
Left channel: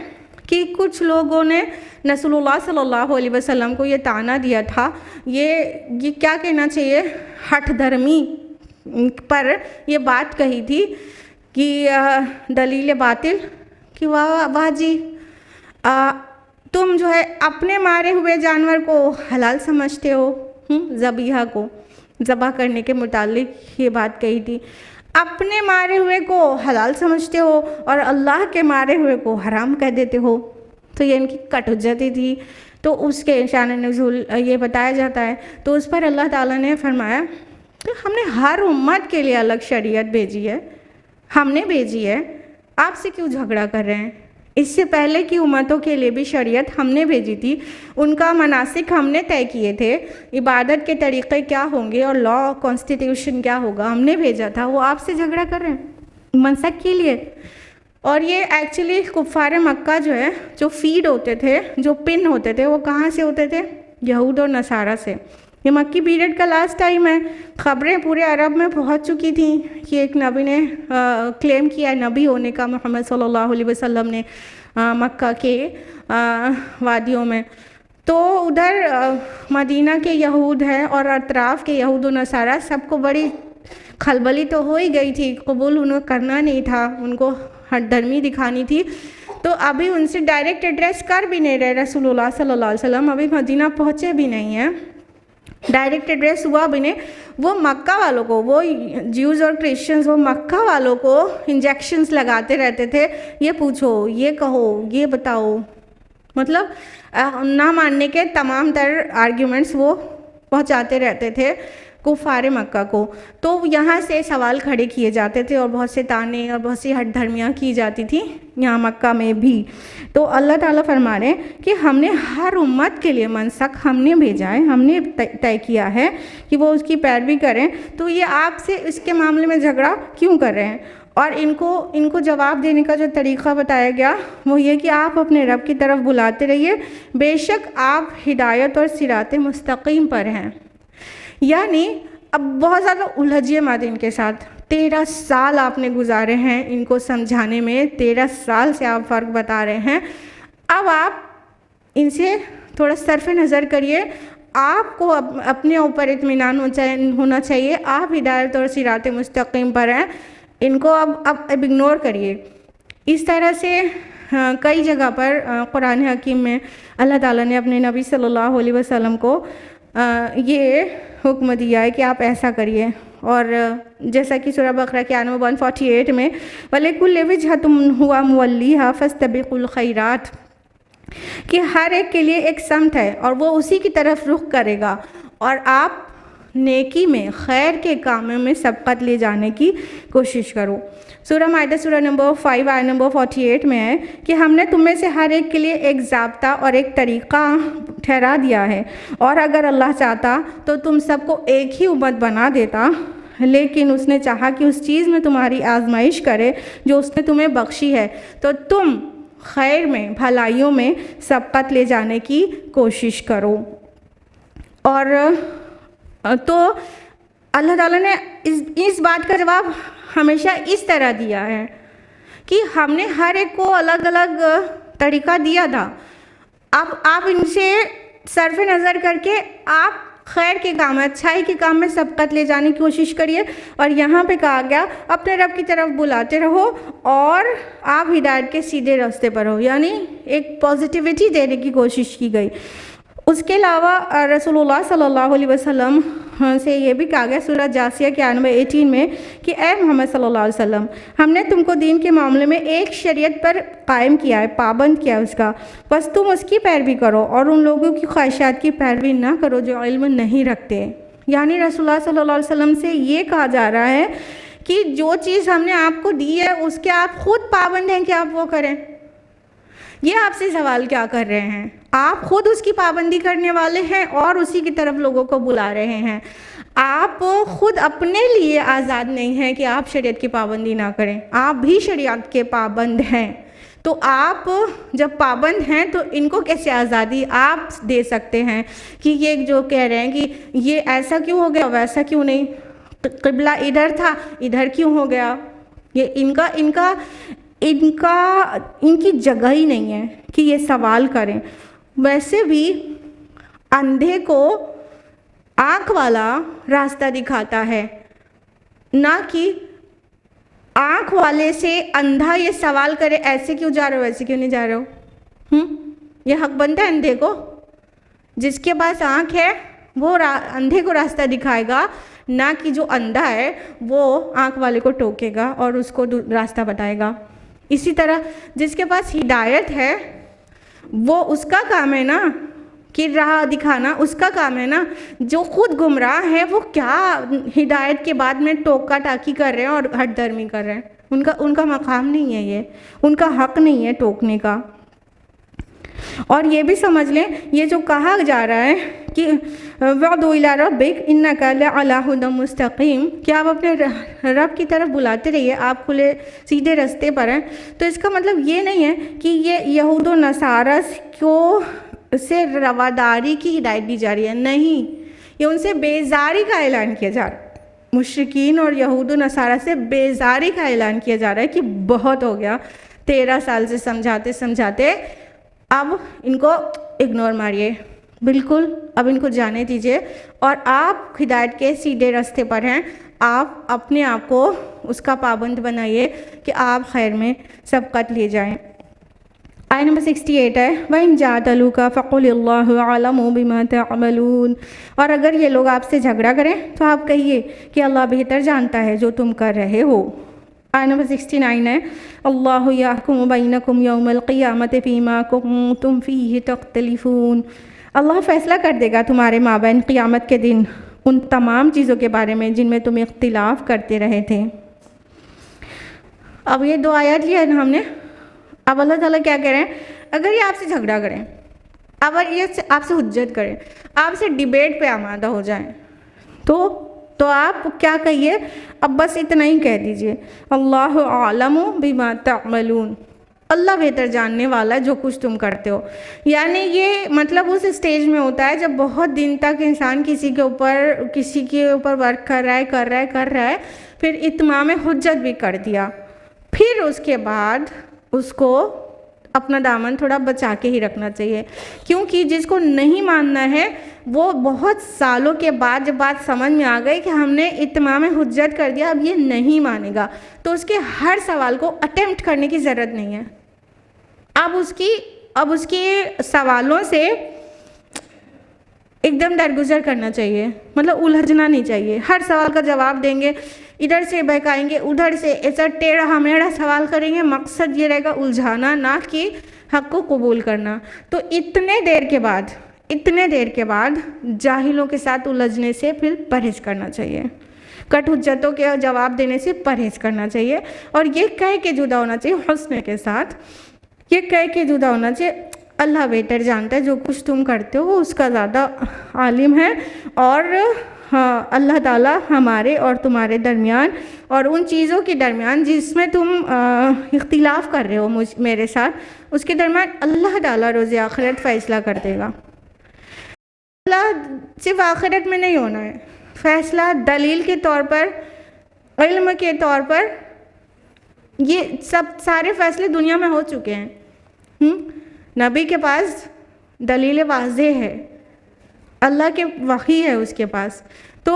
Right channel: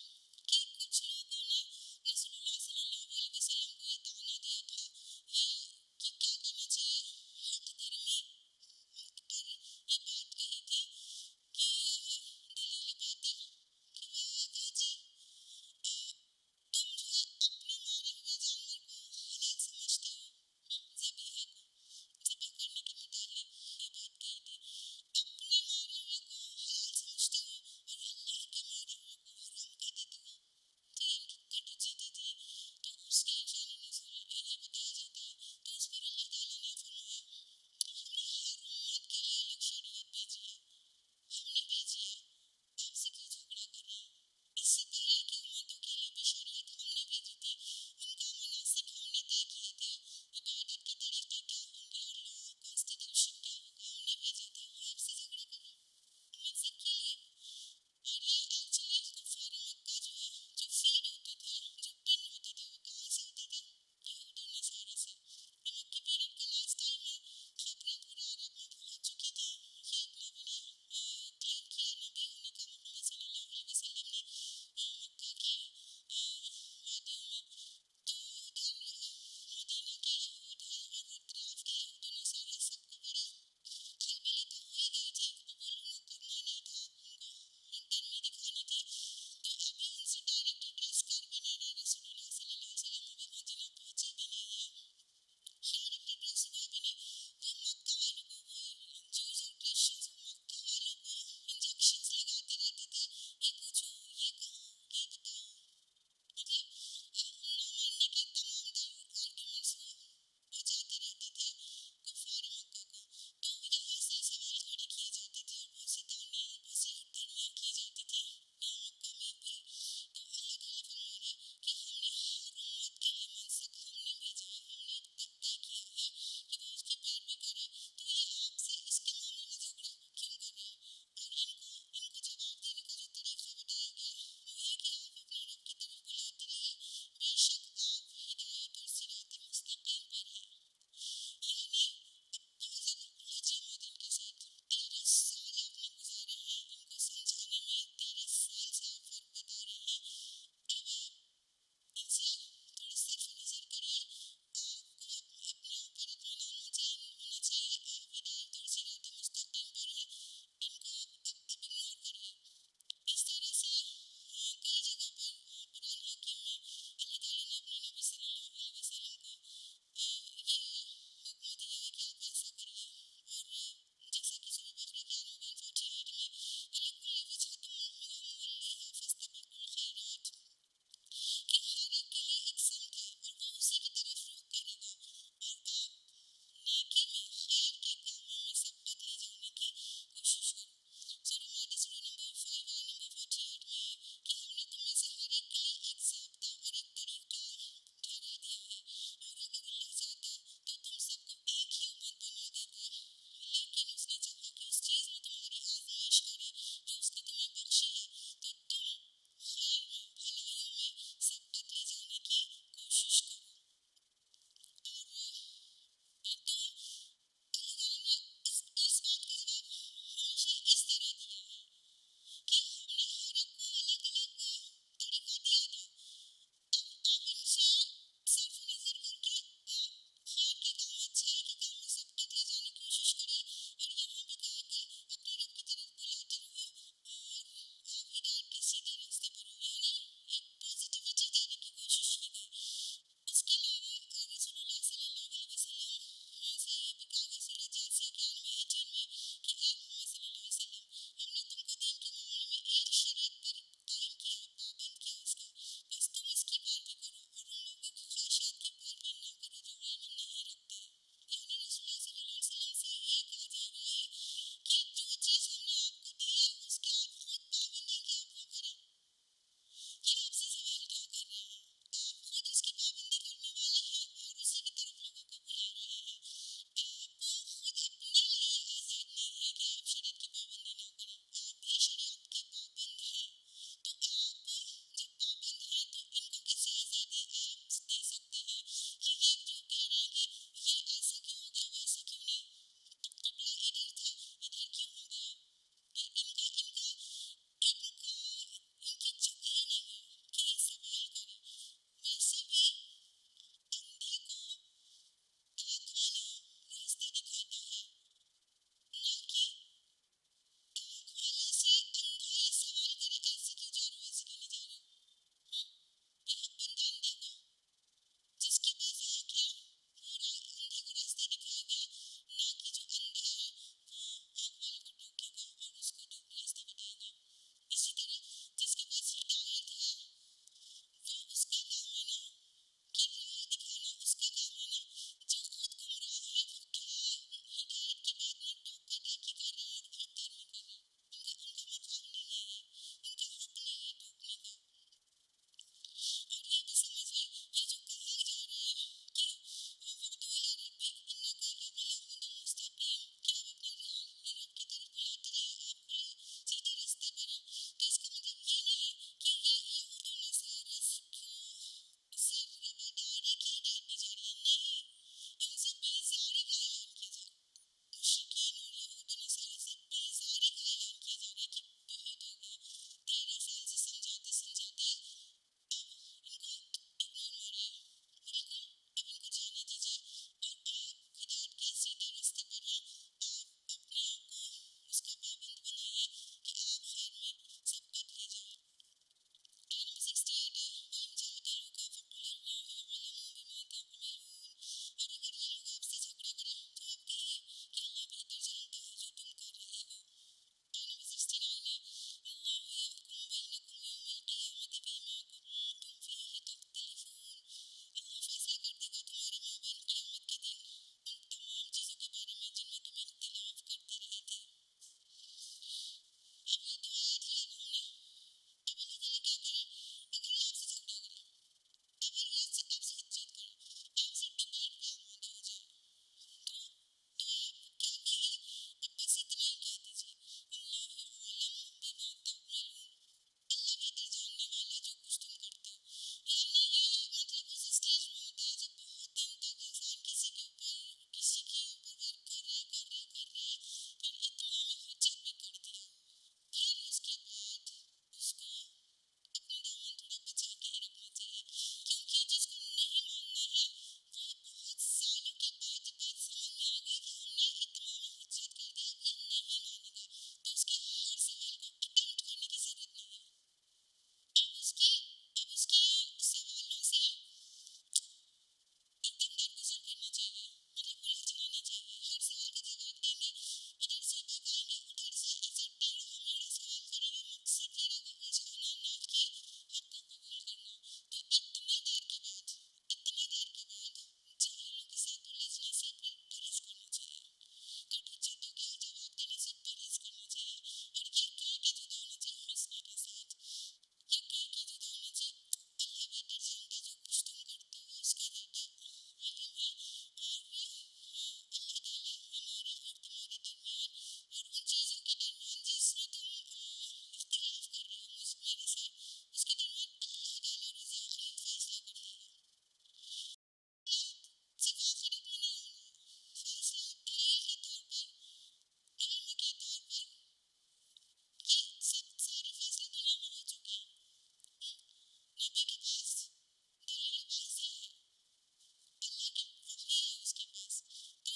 کہ کچھ لوگوں نے رسول اللہ صلی اللہ علیہ وسلم کو یہ طعنہ دیا تھا, یہ کیا کہنا چاہیے, ہٹھ دھرمی پر یہ بات کہی تھی کہ دلیل باطل کہ واہ جی تم جو ہے اپنے مارے ہوئے جانور کو حلال سمجھتے ہو, ذبیحہ کو ذبح کرنے کے متعلق یہ بات کہی تھی. اپنے مارے ہوئے کو حلال سمجھتے ہو اور اللہ کے مارے ہوئے کو حرام کہہ دیتے ہو. تو یہ ان کی کٹ حجتی تھی. تو اس کے شان نزول یہ بتایا جاتا ہے. تو اس پر اللہ تعالیٰ نے فرمایا کہ ہم نے ہر امت کے لیے الگ شریعت بھیجی ہے, ہم نے بھیجی ہے, آپ سے کیوں جھگڑا کر رہے ہیں؟ اس سے پہلے کی امتوں کے لیے بھی شریعت ہم نے بھیجی تھی, ان کا مناسک ہم نے طے کیے تھے, عبادت کے طریقے کیا ہوں گے اور لا کانسٹیٹیوشن کیا ہوگا ہم نے بھیجا تھا. وہ آپ سے جھگڑا کر رہے ہیں منسک کے لیے. اور یہ ایکچولی کفار مکہ جو ہے, جو فیڈ ہوتے تھے, جو پن ہوتے تھے, وہ کہاں سے ہوتے تھے؟ یہود اور نصارہ سے. یہ مکی پیریڈ کا لاسٹ ٹائم ہے. خبریں پورے عرب میں پہنچ چکی تھیں کہ ایک نبی نے کلیم کیا ہے نبی ہونے کا, محمد صلی اللہ علیہ وسلم نے, مکہ کے وادیوں میں. تو ادھر مدینہ کے یہود ہیں اور اطراف کے یہود و نصارہ سب کو بڑی کھلبلی تو ہو ہی گئی تھی, قبول انہوں کرنا نہیں تھا, ان کو ہٹ دھرمی دکھانی تھی. تو ابھی ان سے ڈائریکٹ ایڈریس کر بھی نہیں رہے رسول اللہ صلی اللہ علیہ وسلم, ابھی مدینہ پہنچے بھی نہیں ہیں, ڈائریکٹ ایڈریس ہوا بھی نہیں. وہ مکہ والوں کو, وہ جیوز اور کرسچنز, وہ مکہ والوں کو انجیکشنز لگاتے رہتے تھے, یہ پوچھو, یہ کہو, یہ بتاؤ, مطلب نہ ماننے کے تمام تر آرگیومنٹس وہ پہنچاتے رہتے تھے کفار مکہ کو. تو یہاں سے سوال کھڑے کیے جاتے تھے اور بہت سے طعنے اور بہت سی ہٹ دھرمیاں کی جاتی تھیں یہاں مکہ میں بھی. تو اللہ تعالیٰ فرما رہے ہیں کہ ہم نے ہر امت کے لیے منسک ہم نے بھیجا ہے, ہم نے طے کیا ہے کہ وہ اس کی پیروی کریں. تو یہ آپ سے اس کے معاملے میں جھگڑا کیوں کر رہے ہیں؟ اور ان کو جواب دینے کا جو طریقہ بتایا گیا وہ یہ کہ آپ اپنے رب کی طرف بلاتے رہیے, بے شک آپ ہدایت اور صراط مستقیم پر ہیں. یعنی اب بہت زیادہ الجھیے مت ان کے ساتھ. 13 سال آپ نے گزارے ہیں ان کو سمجھانے میں, 13 سال سے آپ فرق بتا رہے ہیں. اب آپ ان سے تھوڑا صرف نظر کریے, آپ کو اپنے اوپر اطمینان ہونا چاہیے، آپ ہدایت اور صراط مستقیم پر ہیں، ان کو اب اگنور کریے۔ اس طرح سے کئی جگہ پر قرآن حکیم میں اللہ تعالیٰ نے اپنے نبی صلی اللہ علیہ وسلم کو یہ حکم دیا ہے کہ آپ ایسا کریے، اور جیسا کہ سورہ بقرہ کے آیت نمبر 148 میں وَلِكُلِّ وِجْهَةٌ هُوَ مُوَلِّيهَا فَاسْتَبِقُوا الْخَيْرَاتِ، کہ ہر ایک کے لیے ایک سمت ہے اور وہ اسی کی طرف رخ کرے گا، اور آپ نیکی میں، خیر کے کاموں میں سبقت لے جانے کی کوشش کرو۔ سورہ مائدہ سورہ نمبر 5 آیت نمبر 48 میں ہے کہ ہم نے تم میں سے ہر ایک کے لیے ایک ضابطہ اور ایک طریقہ ٹھہرا دیا ہے، اور اگر اللہ چاہتا تو تم سب کو ایک ہی امت بنا دیتا، لیکن اس نے چاہا کہ اس چیز میں تمہاری آزمائش کرے جو اس نے تمہیں بخشی ہے، تو تم خیر میں، بھلائیوں میں سبقت لے جانے کی کوشش کرو۔ اور تو اللہ تعالیٰ نے اس بات کا جواب ہمیشہ اس طرح دیا ہے کہ ہم نے ہر ایک کو الگ الگ طریقہ دیا تھا، اب آپ ان سے صرف نظر کر کے آپ خیر کے کام، اچھائی کے کام میں سبقت لے جانے کی کوشش کریے۔ اور یہاں پہ کہا گیا اپنے رب کی طرف بلاتے رہو اور آپ ہدایت کے سیدھے راستے پر ہو، یعنی ایک پازیٹیوٹی دینے کی کوشش کی گئی۔ اس کے علاوہ رسول اللہ صلی اللہ علیہ وسلم سے یہ بھی کہا گیا سورہ جاسیہ کے آیت نمبر 18 میں کہ اے محمد صلی اللہ علیہ وسلم، ہم نے تم کو دین کے معاملے میں ایک شریعت پر قائم کیا ہے، پابند کیا ہے اس کا، بس تم اس کی پیروی کرو اور ان لوگوں کی خواہشات کی پیروی نہ کرو جو علم نہیں رکھتے۔ یعنی رسول اللہ صلی اللہ علیہ وسلم سے یہ کہا جا رہا ہے کہ جو چیز ہم نے آپ کو دی ہے اس کے آپ خود پابند ہیں کہ آپ وہ کریں۔ یہ آپ سے سوال کیا کر رہے ہیں؟ آپ خود اس کی پابندی کرنے والے ہیں اور اسی کی طرف لوگوں کو بلا رہے ہیں۔ آپ خود اپنے لیے آزاد نہیں ہیں کہ آپ شریعت کی پابندی نہ کریں، آپ بھی شریعت کے پابند ہیں۔ تو آپ جب پابند ہیں تو ان کو کیسے آزادی آپ دے سکتے ہیں کہ یہ جو کہہ رہے ہیں کہ یہ ایسا کیوں ہو گیا، ویسا کیوں نہیں، قبلہ ادھر تھا ادھر کیوں ہو گیا؟ یہ ان کی جگہ ہی نہیں ہے کہ یہ سوال کریں۔ ویسے بھی اندھے کو آنکھ والا راستہ دکھاتا ہے، نہ کہ آنکھ والے سے اندھا یہ سوال کرے ایسے کیوں جا رہے ہو، ایسے کیوں نہیں جا رہے ہو۔ یہ حق بنتا ہے اندھے کو، جس کے پاس آنکھ ہے وہ اندھے کو راستہ دکھائے گا، نہ کہ جو اندھا ہے وہ آنکھ والے کو ٹوکے گا اور اس کو راستہ بتائے گا۔ اسی طرح جس کے پاس ہدایت ہے وہ اس کا کام ہے نا کہ راہ دکھانا، اس کا کام ہے نا۔ جو خود گمراہ ہے وہ کیا ہدایت کے بعد میں ٹوکا ٹاکی کر رہے ہیں اور ہٹ درمی کر رہے ہیں، ان کا مقام نہیں ہے، یہ ان کا حق نہیں ہے ٹوکنے کا۔ اور یہ بھی سمجھ لیں یہ جو کہا جا رہا ہے کہ وَعْدُ إِلَىٰ رَبِّكَ إِنَّكَ لَعَلَىٰ هُدًى مُسْتَقِيمٍ، کہ آپ اپنے رب کی طرف بلاتے رہیے، آپ کھلے سیدھے راستے پر ہیں، تو اس کا مطلب یہ نہیں ہے کہ یہ یہود و نصارہ کو سے رواداری کی ہدایت دی جا رہی ہے، نہیں، یہ ان سے بیزاری کا اعلان کیا جا رہا ہے۔ مشرکین اور یہود و نصارہ سے بیزاری کا اعلان کیا جا رہا ہے کہ بہت ہو گیا، 13 سال سے سمجھاتے اب ان کو اگنور ماریے، بالکل اب ان کو جانے دیجیے، اور آپ ہدایت کے سیدھے راستے پر ہیں، آپ اپنے آپ کو اس کا پابند بنائیے کہ آپ خیر میں سبقت لے جائیں۔ آیت نمبر 68 ہے وَإِن جَادَلُوكَ فَقُلِ اللَّهُ أَعْلَمُ بِمَا تَعْمَلُونَ، اور اگر یہ لوگ آپ سے جھگڑا کریں تو آپ کہیے کہ اللہ بہتر جانتا ہے جو تم کر رہے ہو۔ آیت نمبر 69 ہے اللہ یحکم بینکم یوم القیامت فیما کنتم فیہ تختلفون، اللہ فیصلہ کر دے گا تمہارے مابین قیامت کے دن ان تمام چیزوں کے بارے میں جن میں تم اختلاف کرتے رہے تھے۔ اب یہ 2 آیات لیا ہم نے، اب اللہ تعالیٰ کیا کہہ رہے ہیں؟ اگر یہ آپ سے جھگڑا کریں، اگر یہ آپ سے حجت کریں، آپ سے ڈیبیٹ پہ آمادہ ہو جائیں، تو آپ کیا کہیے؟ اب بس اتنا ہی کہہ دیجئے اللہ اعلم بما تعملون، اللہ بہتر جاننے والا جو کچھ تم کرتے ہو۔ یعنی یہ مطلب اس اسٹیج میں ہوتا ہے جب بہت دن تک انسان کسی کے اوپر ورک کر رہا ہے، پھر اتمام حجت بھی کر دیا، پھر اس کے بعد اس کو اپنا دامن تھوڑا بچا کے ہی رکھنا چاہیے، کیونکہ جس کو نہیں ماننا ہے وہ بہت سالوں کے بعد جب بات سمجھ میں آ گئی کہ ہم نے اتمام حجت کر دیا، اب یہ نہیں مانے گا، تو اس کے ہر سوال کو اٹیمپٹ کرنے کی ضرورت نہیں ہے۔ اب اس کی سوالوں سے ایک دم درگزر کرنا چاہیے، مطلب الجھنا نہیں چاہیے۔ ہر سوال کا جواب دیں گے، ادھر سے بہکائیں گے، ادھر سے ایسا ٹیڑھا میڑھا سوال کریں گے، مقصد یہ رہے گا الجھانا، نہ کہ حق کو قبول کرنا۔ تو اتنے دیر کے بعد جاہلوں کے ساتھ الجھنے سے پھر پرہیز کرنا چاہیے، کٹ حجتوں کے جواب دینے سے پرہیز کرنا چاہیے، اور یہ کہہ کے جدا ہونا چاہیے حسن کے ساتھ، یہ کہہ کے جدا ہونا چاہیے اللہ بہتر جانتا ہے، جو کچھ تم کرتے ہو وہ اس کا زیادہ عالم ہے، اور اللہ تعالیٰ ہمارے اور تمہارے درمیان اور ان چیزوں کے درمیان جس میں تم اختلاف کر رہے ہو میرے ساتھ، اس کے درمیان اللہ تعالیٰ روز آخرت فیصلہ کر دے گا۔ صرف آخرت میں نہیں ہونا ہے فیصلہ، دلیل کے طور پر، علم کے طور پر، یہ سب سارے فیصلے دنیا میں ہو چکے ہیں۔ نبی کے پاس دلیل واضح ہے، اللہ کے وحی ہے اس کے پاس، تو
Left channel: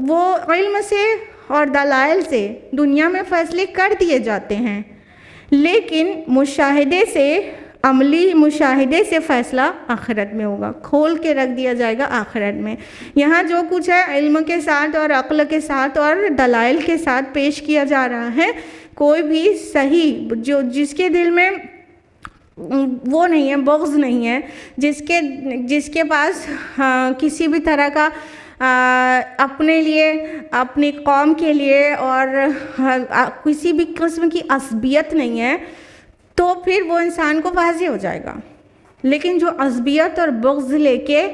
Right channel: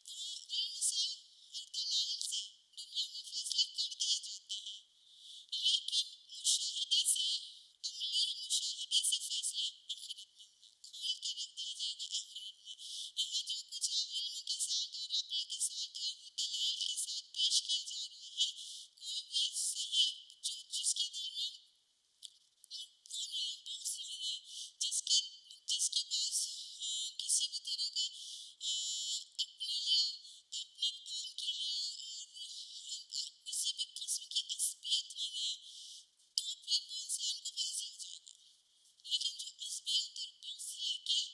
وہ علم سے اور دلائل سے دنیا میں فیصلے کر دیے جاتے ہیں، لیکن مشاہدے سے، عملی مشاہدے سے فیصلہ آخرت میں ہوگا، کھول کے رکھ دیا جائے گا آخرت میں۔ یہاں جو کچھ ہے علم کے ساتھ اور عقل کے ساتھ اور دلائل کے ساتھ پیش کیا جا رہا ہے، کوئی بھی صحیح جس کے دل میں وہ نہیں ہے، بغض نہیں ہے، جس کے پاس کسی بھی طرح کا اپنے لیے، اپنی قوم کے لیے اور کسی بھی قسم کی عصبیت نہیں ہے، تو پھر وہ انسان کو واضح ہو جائے گا۔ لیکن جو عصبیت اور بغض لے کے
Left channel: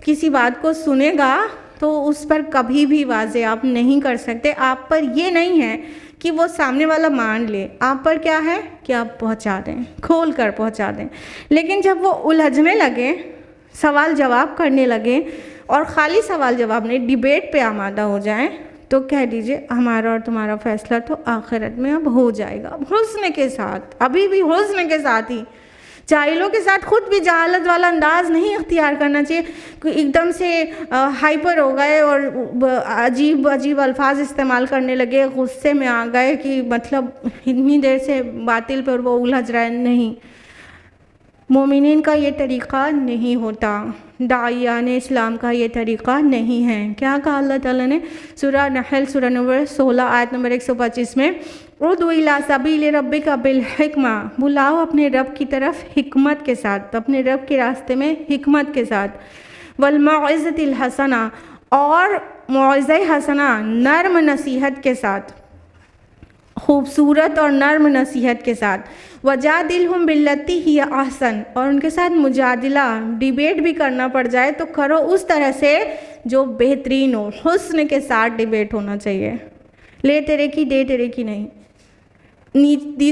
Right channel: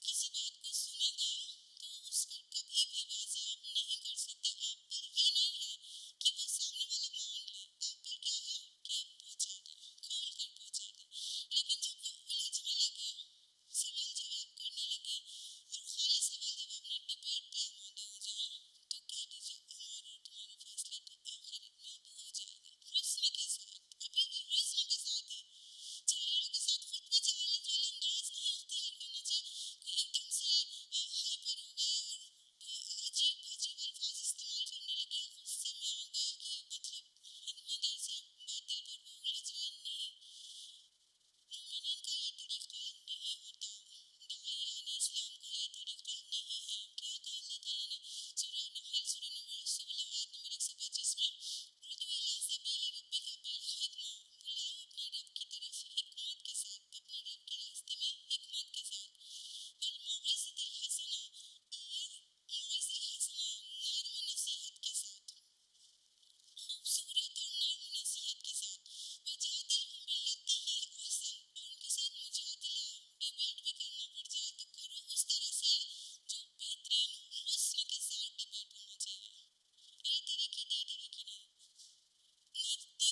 کسی بات کو سنے گا تو اس پر کبھی بھی واضح آپ نہیں کر سکتے۔ آپ پر یہ نہیں ہے کہ وہ سامنے والا مان لے، آپ پر کیا ہے کہ آپ پہنچا دیں، کھول کر پہنچا دیں۔ لیکن جب وہ الجھنے لگے، سوال جواب کرنے لگے، اور خالی سوال جواب نہیں، ڈیبیٹ پہ آمادہ ہو جائیں، تو کہہ دیجئے ہمارا اور تمہارا فیصلہ تو آخرت میں اب ہو جائے گا، حسن کے ساتھ، ابھی بھی حسن کے ساتھ ہی۔ جاہلوں کے ساتھ خود بھی جہالت والا انداز نہیں اختیار کرنا چاہیے کہ ایک دم سے ہائپر ہو گئے اور عجیب الفاظ استعمال کرنے لگے، غصے میں آ گئے کہ مطلب اتنی دیر سے باطل پر وہ الجھ رہا ہے۔ نہیں، مومنین کا یہ طریقہ نہیں ہوتا، داعیان اسلام کا یہ طریقہ نہیں ہے۔ کیا کہا اللہ تعالیٰ نے سورہ نحل سورہ نمبر 16 آیت نمبر 125 میں؟ ادعو الی سبیل ربک بالحکمہ، بلاؤ اپنے رب کی طرف حکمت کے ساتھ، اپنے رب کے راستے میں حکمت کے ساتھ، والموعظۃ الحسنہ، اور موعظہ حسنہ نرم نصیحت کے ساتھ، خوبصورت اور نرم نصیحت کے ساتھ، وجادلہم باللتی ہی احسن، اور ان کے ساتھ مجادلہ، ڈیبیٹ بھی کرنا پڑ جائے تو کرو اس طرح سے جو بہترین ہو، حسن کے ساتھ ڈیبیٹ ہونا چاہیے، لے تیرے کی دے تیرے کی نہیں،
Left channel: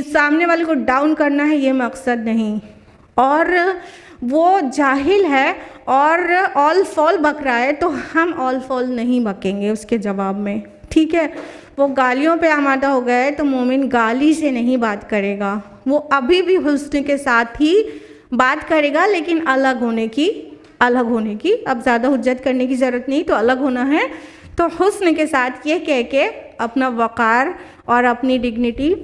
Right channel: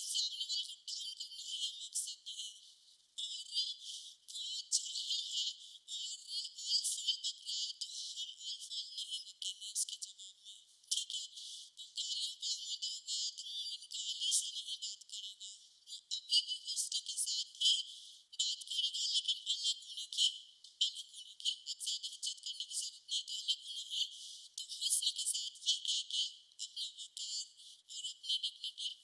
سامنے والے کو ڈاؤن کرنا ہے یہ مقصد نہیں۔ اور وہ جاہل ہے اور آل فال بک رہا ہے تو ہم آل فال نہیں بکیں گے اس کے جواب میں، ٹھیک ہے؟ وہ گالیوں پہ آمادہ ہو گیا ہے تو مومن گالی سے نہیں بات کرے گا، وہ ابھی بھی حسن کے ساتھ ہی بات کرے گا، لیکن الگ ہونے کی، اب زیادہ حجت کرنے کی ضرورت نہیں، تو الگ ہونا ہے تو حسن کے ساتھ یہ کہہ کے اپنا وقار اور اپنی ڈگنیٹی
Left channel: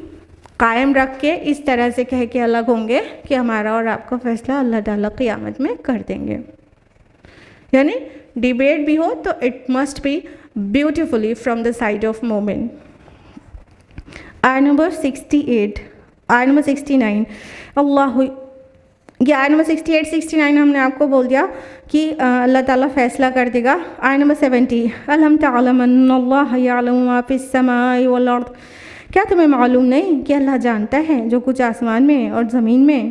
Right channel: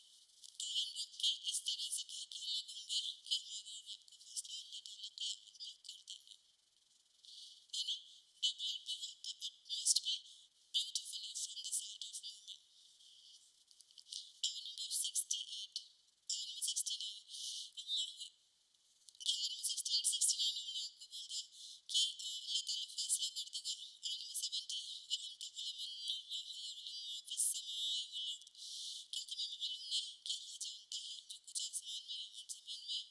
قائم رکھ کے اس طرح سے کہہ کے الگ ہوں گے کہ ہمارا اور آپ کا فیصلہ اللہ تعالیٰ قیامت میں کر دیں گے۔ یعنی ڈیبیٹ بھی ہو تو it must be beautifully from the side of مومن۔ آیت نمبر 68، آیت نمبر 69، یہ آیت نمبر 68 69 ہم نے آپ کو بول دیا کہ اللہ تعالیٰ فیصلہ کر دے گا۔ آیت نمبر 70، الم تعلم ان اللہ یعلم ما فی السماء والارض، کیا تمہیں معلوم نہیں کہ اللہ جانتا ہے جو کچھ آسمان میں اور زمین میں؟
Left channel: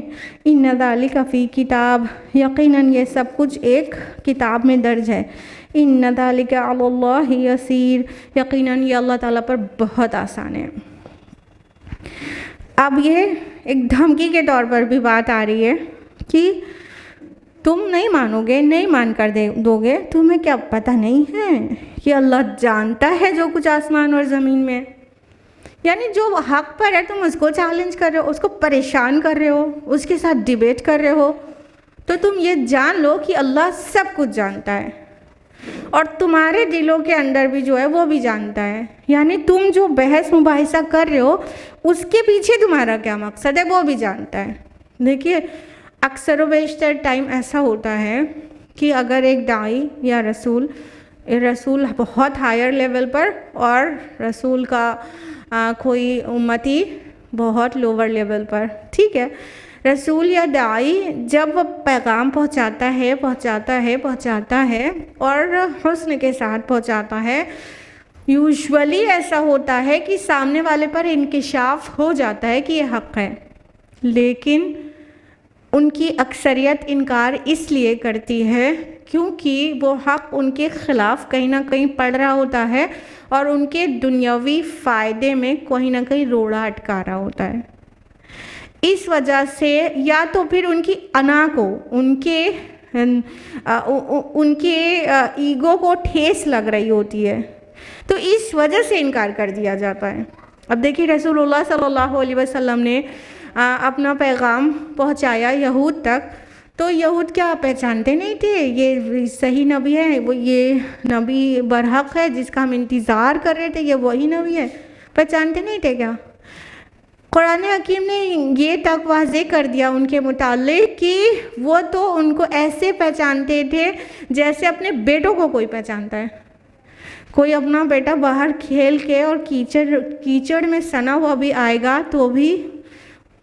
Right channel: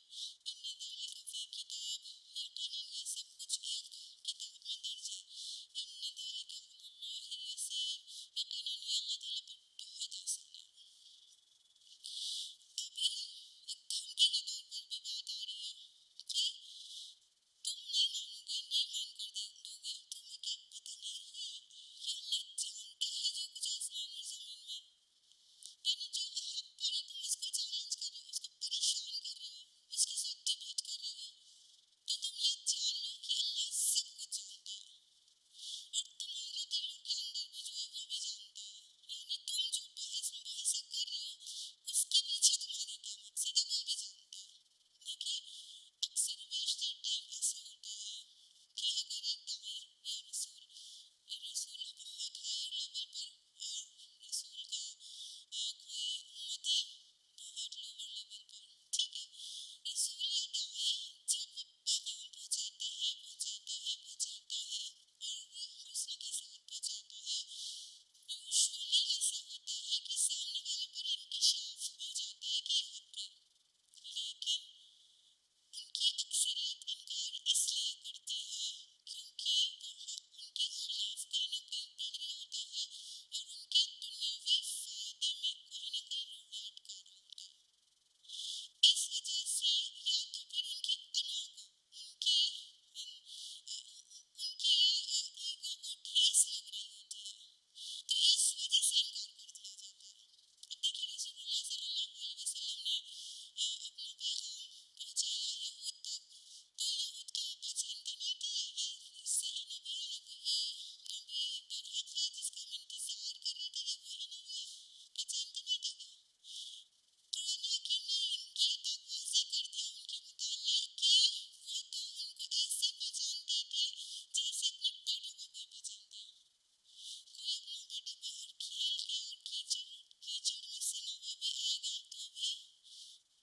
ان ذالک فی کتاب، یقیناً یہ سب کچھ ایک کتاب میں درج ہے۔ ان ذالک علی اللہ یسیر، یقیناً یہ اللہ تعالیٰ پر بہت آسان ہے۔ اب یہ ایک دھمکی کے طور پر بھی بات آ رہی ہے کہ تم نہیں مانو گے، نہیں مان کر دو گے، تمہیں کیا پتہ نہیں ہے کہ اللہ جانتا ہے جو کچھ آسمان اور زمین میں؟ یعنی جو حق پر ہے تم اس کو چیلنج کر رہے ہو، اس کو پریشان کر رہے ہو، اس کے ساتھ ڈیبیٹ کر رہے ہو، تو تم یہ جان لو کہ اللہ سب کچھ جانتا ہے اور تمہارے دلوں کے اندر بھی جو ہے وہ بھی جانتا ہے. یعنی تم جو بحث مباحثہ کر رہے ہو اس کے پیچھے تمہارا کیا مقصد ہے وہ بھی جانتا ہے. دیکھیے اکثر و بیشتر ٹائم ایسا ہوتا ہے کہ اگر ایک داعی یا رسول بہت ہائر لیول پر اور رسول کا کوئی امتی بہت لوور لیول پر، ٹھیک ہے، رسول یا داعی جب وہ پیغام پہنچاتا ہے اور حسن کے ساتھ پہنچاتا ہے، یوزولی ایسا ہوتا ہے کہ سامنے والے پر انکشاف ہو جاتا ہے کہ یہ حق ہے، لیکن ان کی اکثریت انکار اس لیے کرتی ہے کیونکہ وہ حق ان کے خلاف کہیں نہ کہیں پڑ رہا ہوتا ہے اور ان کے دنیاوی فائدے میں کہیں نہ کہیں روڑا اٹکا رہا ہوتا ہے. اس وجہ سے یا تو پھر ان کی انا کو، ان کے ایگو کو ٹھیس لگ رہی ہوتی ہے، تو اس وجہ سے انکار کر دیا جاتا ہے. اب دیکھیے رسول اللہ صلی اللہ علیہ وسلم نے اپنا پیغام پہنچایا یہود تک، تو یہود کیا پہچانتے نہیں تھے یہ صحیح نبی ہے، وہ یہ نبی برحق ہے جس کا ہم انتظار کر رہے تھے، یہ وہی نبی ہے؟ پہچانتے نہیں تھے کیا؟ قرآن حکیم نے یہ تک واضح کر دیا ان کے متعلق کہ وہ تو ان کو ایسے پہچانتے تھے جیسے اپنے بیٹوں کو کوئی پہچانتا ہے. کوئی اپنا بیٹا باہر کھیل کے اور کیچڑ میں سنا ہوا بھی آئے گا تو بھی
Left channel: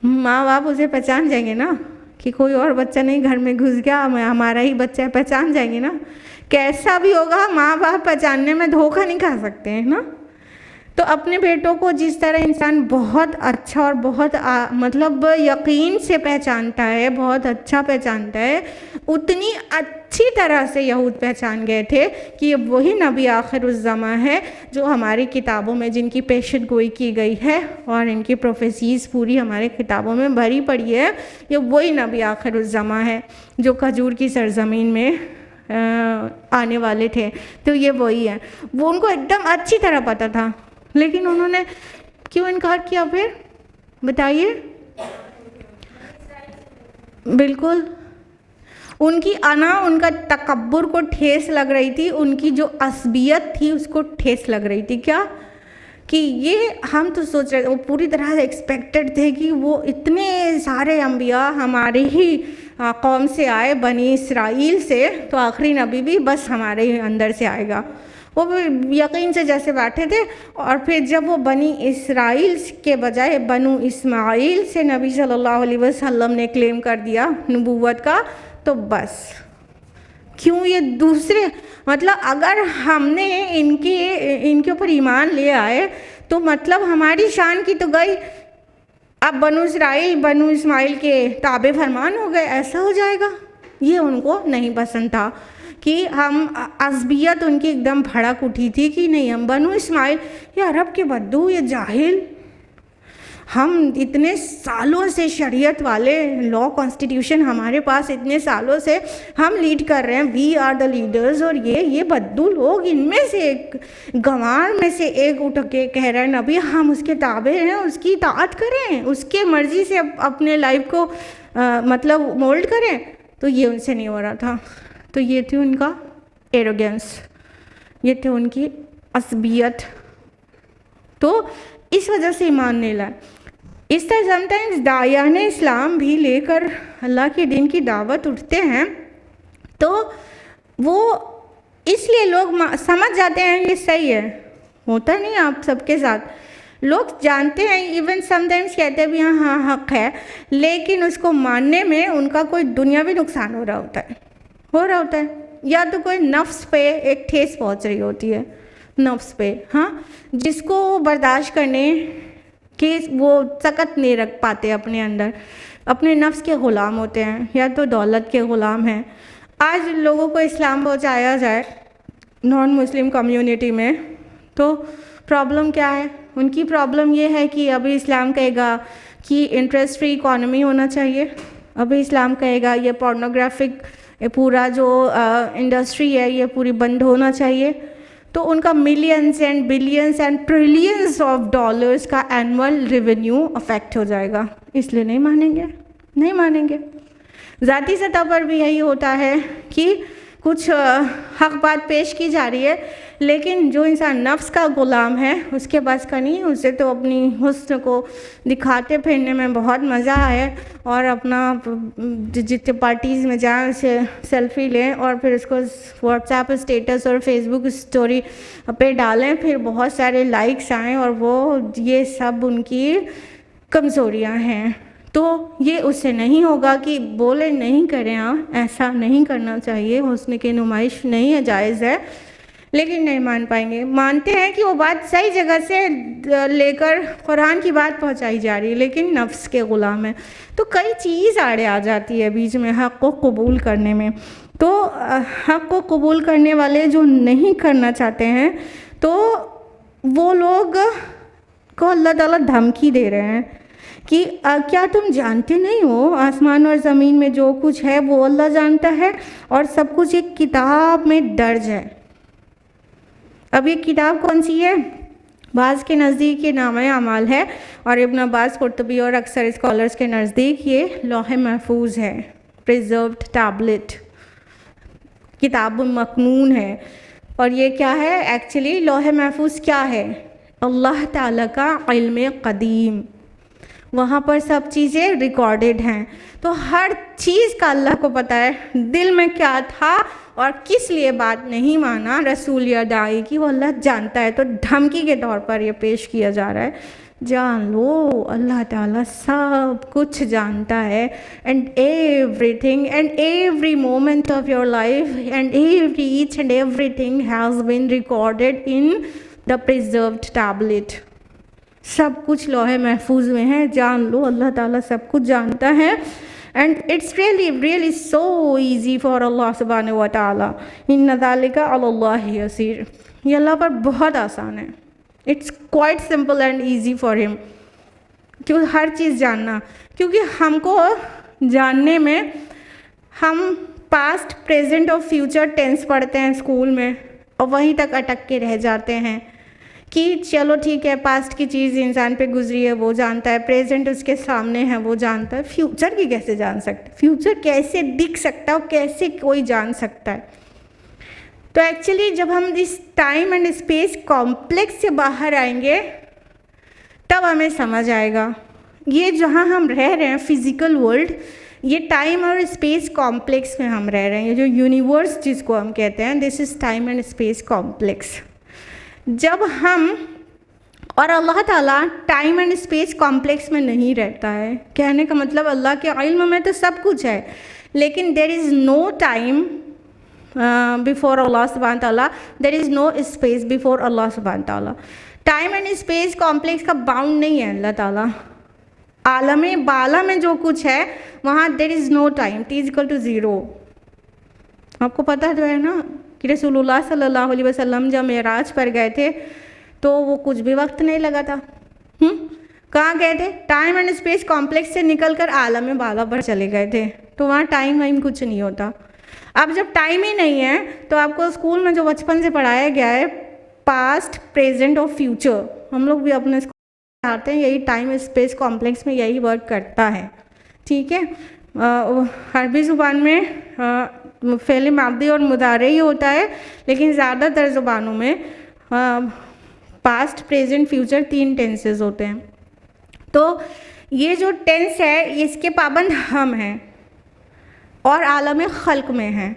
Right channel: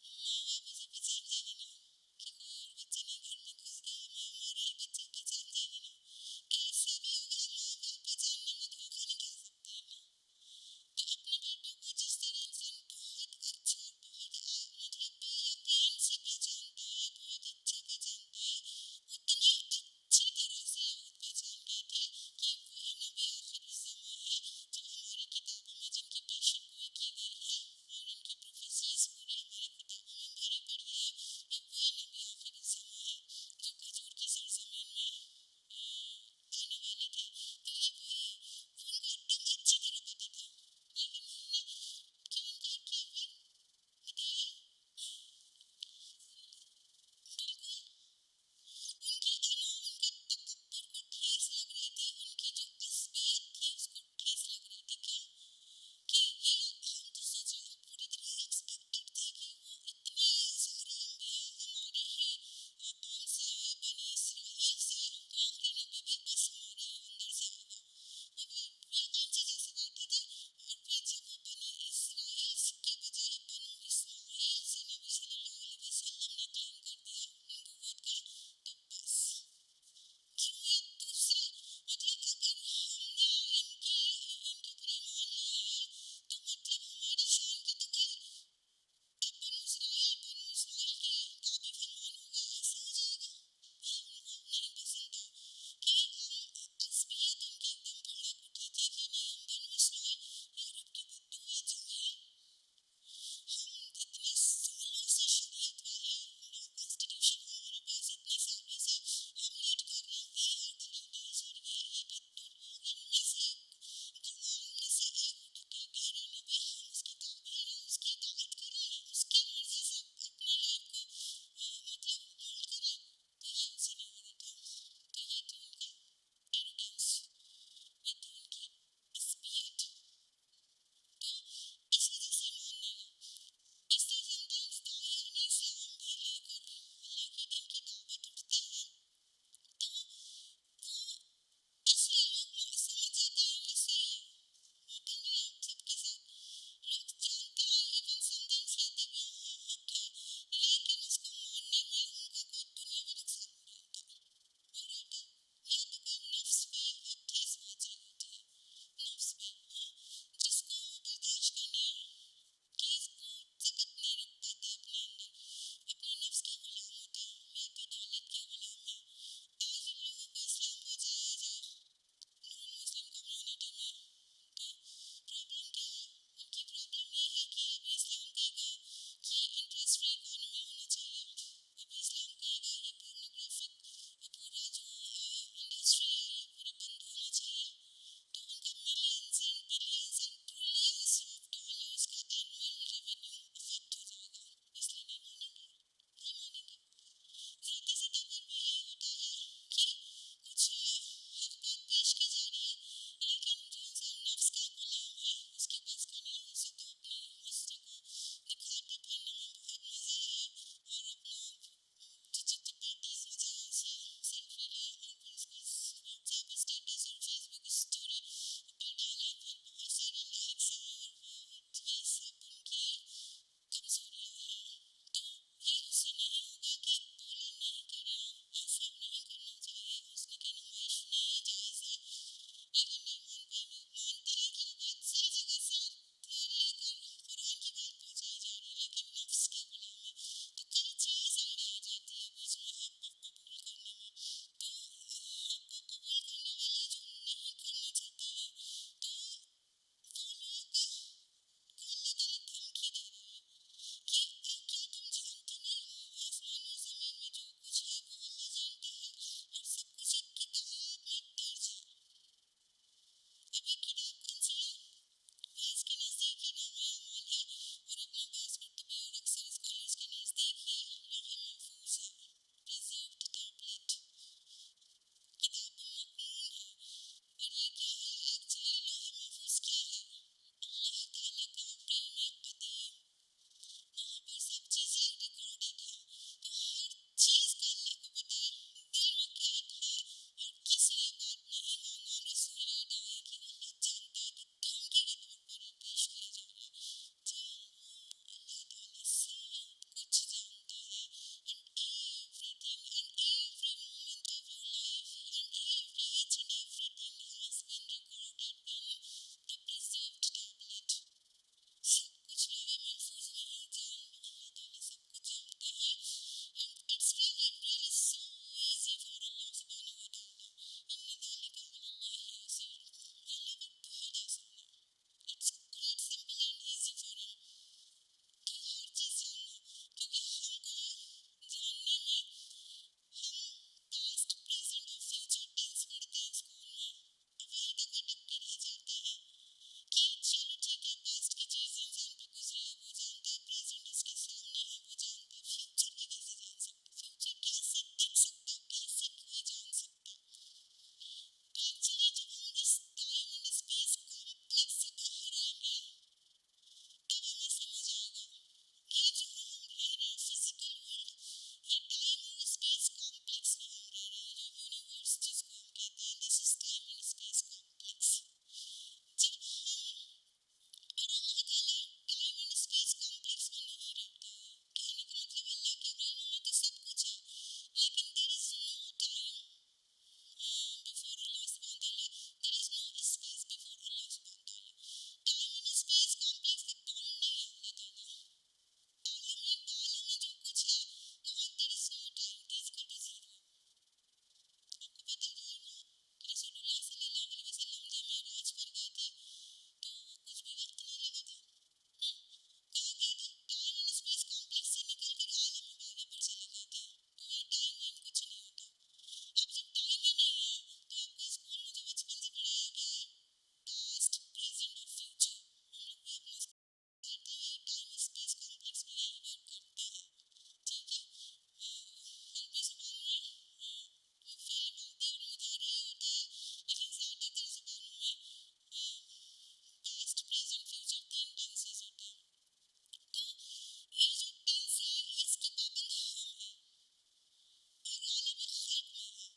ماں باپ اسے پہچان جائیں گے نا کہ کوئی اور بچہ نہیں گھر میں گھس گیا، ہمارا ہی بچہ ہے، پہچان جائیں گے نا. کیسا بھی ہوگا ماں باپ پہچاننے میں دھوکہ نہیں کھا سکتے ہیں نا. تو اپنے بیٹوں کو جس طرح انسان بہت اچھا اور بہت مطلب یقین سے پہچانتا ہے، بہت اچھا پہچانتا ہے، اتنی اچھی طرح سے یہود پہچان گئے تھے کہ یہ وہی نبی آخر الزماں ہے جو ہماری کتابوں میں جن کی پیشن گوئی کی گئی ہے اور ان کی پروفیسیز پوری ہمارے کتابوں میں بھری پڑی ہے. یہ وہی نبی آخر الزماں ہے جو کھجور کی سرزمین میں آنے والے تھے. تو یہ وہی ہے، وہ ان کو ایک دم اچھی طرح پتہ تھا، لیکن انہوں نے کیوں انکار کیا پھر بتائیے؟ بالکل ان کی انا، ان کا تکبر کو ٹھیس لگ رہی تھی، ان کی جو عصبیت تھی اس کو ٹھیس لگ رہی تھی. کیا کہ یہ ہم تو سوچ رہے تھے، وہ پوری طرح سے ایکسپیکٹڈ تھے کہ وہ اتنے سارے انبیاء ہمارے ہی قوم سے آئے، بنی اسرائیل سے، تو آخری نبی بھی بس ہمارے ہی اندر سے آئے گا. وہ یقین سے جیسے بیٹھے تھے، اور پھر جب وہ بنی اسرائیل کے بجائے بنو اسماعیل سے نبی صلی اللہ علیہ وسلم نے کلیم کر دیا نبوت کا، تو بس کیوں یہ دوسرے، مطلب اگر ہم نے ان کے اوپر ایمان لے آئے تو مطلب ہماری شان کی تو گئی، اب بنو اسماعیل کے تابع فرمان ہو گئے، ایسا ہو جائے گا. یہ ان کو نہیں پسند تھا کہ ہم عصبیت ان کی ایک دم بھڑک اٹھی تھی کہ نہیں، ہم بنو اسماعیل، یہ عرب کے بدو، یہ جاہل، ہم اتنے سالوں سے شریعت والے لا کانسٹیٹیوشن ہمارے پاس اتنے سالوں سے ہم لیڈ کر رہے ہیں، وی آر دا لیڈرز، اور یہ بدو لوگ، ان میں سے ایک گنوار میں سے ایک اٹھ کے کہہ رہے ہیں نبی ہم اس کے تابع ہیں، اس کی اطاعت کریں، اس کے مرضی سے اپنے لائف کو مطلب مولڈ کریں. تو یہ ان سے نہیں ہو رہا تھا. تو یہ تھی ان کا ایروگینس، یہ تھی ان کی عصبیت، تو اس وجہ سے ایمان نہیں لائے. اس طرح سم ٹائمز داعیان اسلام بھی لے کر اللہ کے دین کی دعوت اٹھتے ہیں تو وہ اس لیے لوگ سمجھ جاتے ہیں یہ صحیح ہے، ہوتا نہیں آپ سب کے ساتھ، لوگ جانتے ہیں، ایون سم ٹائمز کہتے بھی ہاں حق ہے، لیکن اس کو ماننے میں ان کا کوئی دنیاوی نقصان ہو رہا ہوتا ہے، یا تو کوئی نفس پہ ایک ٹھیس پہنچ رہی ہوتی ہے، نفس پہ، ہاں، جس کو برداشت کرنے کہ وہ سکت نہیں رکھ پاتے اپنے اندر، اپنے نفس کے غلام ہوتے ہیں یا تو دولت کے غلام ہیں. آج لوگوں کو اسلام پہنچایا جائے نان مسلم کمیونٹی میں تو پرابلم کیا ہے؟ ان کی پرابلم یہ ہے کہ ابھی اسلام کہے گا کہ انٹرسٹ فری اکانومی ہونا چاہیے، ابھی اسلام کہے گا یہ پورنوگرافک پورا جو انڈسٹری ہے یہ پوری بند ہونا چاہیے. تو ان کا millions and billions and trillions of dollars کا اینول ریونیو افیکٹ ہو جائے گا. اس لیے نہیں مانیں گے. ذاتی سطح پر بھی یہی ہوتا ہے کہ کچھ حق بات پیش کی جا رہی ہے، لیکن جو انسان نفس کا غلام ہے اس کے پاس کا نہیں، اسے تو اپنی حسن کو دکھاتے پھرنے میں بہت مزہ آئے اور اپنا جتنے پارٹیز میں جائیں اسے سیلفی لیں اور پھر اس کو واٹس ایپ اسٹیٹس اور فیس بک اسٹوری پہ ڈالیں، پھر بہت سارے لائکس آئیں، اور وہ یہ سب ان کی کمزوریاں ہیں. تو یہ اس سے نہیں ہوگا کہ بولے نہیں کریں، ایسا نہیں کرنا چاہیے، حسن کی نمائش نہیں ہے، جائز ہے، لیکن نہیں مان پائیں گے. مانتے ہیں کہ وہ بات صحیح جگہ سے لے کر قرآن کی بات پہنچائی جا رہی ہے، لیکن نفس کے غلام ہے. تو کئی چیز آڑے آ جاتی ہے بیچ میں حق کو قبول کرنے میں. تو حق کو قبول کرنے والے جو نہیں کرنا چاہتے ہیں تو وہ لوگ کو اللہ تعالیٰ دھمکی دے رہے ہیں کہ کیا تم جانتے نہیں ہو آسمان اور زمین میں جو کچھ ہے وہ اللہ جانتا ہے، اور سب کچھ ایک کتاب میں درج ہے. اب یہ کتاب کون سی ہے؟ بعض کے نزدیک یہ نامہ اعمال ہے، اور ابن عباس، قرطبی اور اکثر اسکالرز کے نزدیک یہ لوح محفوظ ہے، پریزروڈ ٹیبلٹ، کتاب مکنون ہے. اور یہ کیا ہے ایکچولی؟ لوح محفوظ کیا ہے؟ اللہ تعالیٰ کا علم قدیم، وہاں پر سب چیزیں ریکارڈڈ ہیں. تو ہر چیز کا اللہ کو پتہ ہے، دل میں کیا تھا اور کس لیے بات نہیں مانا رسول یا داعی کی، وہ اللہ جانتا ہے. تو دھمکی کے طور پر یہ پیش کیا جا رہا ہے، جان لو اللہ تعالیٰ سب کچھ جانتا ہے، and everything and every moment of your life and each and everything has been recorded in the preserved tablet. سب کچھ لوح محفوظ میں ہے، جان لو اللہ تعالیٰ سب کچھ جانتا ہے. And it's really so easy for اللہ سبحانہ و تعالیٰ، ان ذالک علی اللہ یسیر. یہ اللہ پر بہت آسان ہے، it's quite simple and easy for ہم، کیوں ہر چیز جاننا. کیونکہ ہم کو جاننے میں ہم پاسٹ، پریزنٹ اور فیوچر ٹینس پڑھتے ہیں اسکول میں، اور وہیں تک اٹک کے رہ جاتے ہیں کہ چلو ٹھیک ہے پاسٹ کی چیز انسان پہ گزری ہے وہ جانتا ہے، پریزنٹ اس کے سامنے ہے وہ جانتا ہے، فیوچر کی کیسے جان سکتا ہے؟ فیوچر کیسے دکھ سکتا ہے اور کیسے کوئی جان سکتا ہے؟ تو ایکچولی جب ہم اس ٹائم اینڈ اسپیس کمپلیکس سے باہر آئیں گے تب ہمیں سمجھ آئے گا. یہ جہاں ہم رہ رہے ہیں فزیکل ورلڈ، یہ ٹائم اور اسپیس کمپلیکس میں ہم رہ رہے ہیں. یہ جو یونیورس جس کو ہم کہتے ہیں، this is time and space complex. جب ہم اور اللہ تعالیٰ ٹائم اینڈ اسپیس کمپلیکس میں نہیں رہتا ہے، کہنے کا مطلب اللہ کے علم میں تو سب کچھ ہے، لیکن دیر از نو ٹائم بفور اللہ سبحانہ تعالیٰ، دیر از نو اسپیس بفور اللہ سبحانہ تعالیٰ. ٹائم اینڈ اسپیس کمپلیکس کا باؤنڈ نہیں ہے اللہ تعالیٰ. عالم بالا میں جو کچھ ہے وہاں there is no time, T is equal to zero. آپ کو پتہ تو ہے نا کہ رسول اللہ صلی اللہ علیہ وسلم جب معراج پر گئے تھے تو وہ کچھ بھی وقت نہیں لگا تھا. کہاں گئے تھے؟ ٹائم اینڈ اسپیس کمپلیکس سے نکل کر عالم بالا پر چلے گئے تھے. تو وہاں ٹائم وائم کچھ نہیں ہوتا. اب جب ٹائم ہی نہیں ہے تو آپ کو اسکول میں جو بچپن سے پڑھایا گیا ہے پاسٹ، پریزنٹ اور فیوچر، ہم لوگ بھی اپنے اسکول میں آتے ہیں، یہی ٹائم اسپیس کمپلیکس میں یہی ورک کرتا ہے. ٹھیک ہے، عربی زبان میں فعل ماضی اور مضارع ہی ہوتا ہے، لیکن زیادہ تر زبانوں میں پاسٹ، پریزنٹ، فیوچر 3 ٹینسز ہوتے ہیں. تو یہ جو ٹینس ہے اس کے پابند ہم ہیں اور عالم خلق میں ہیں،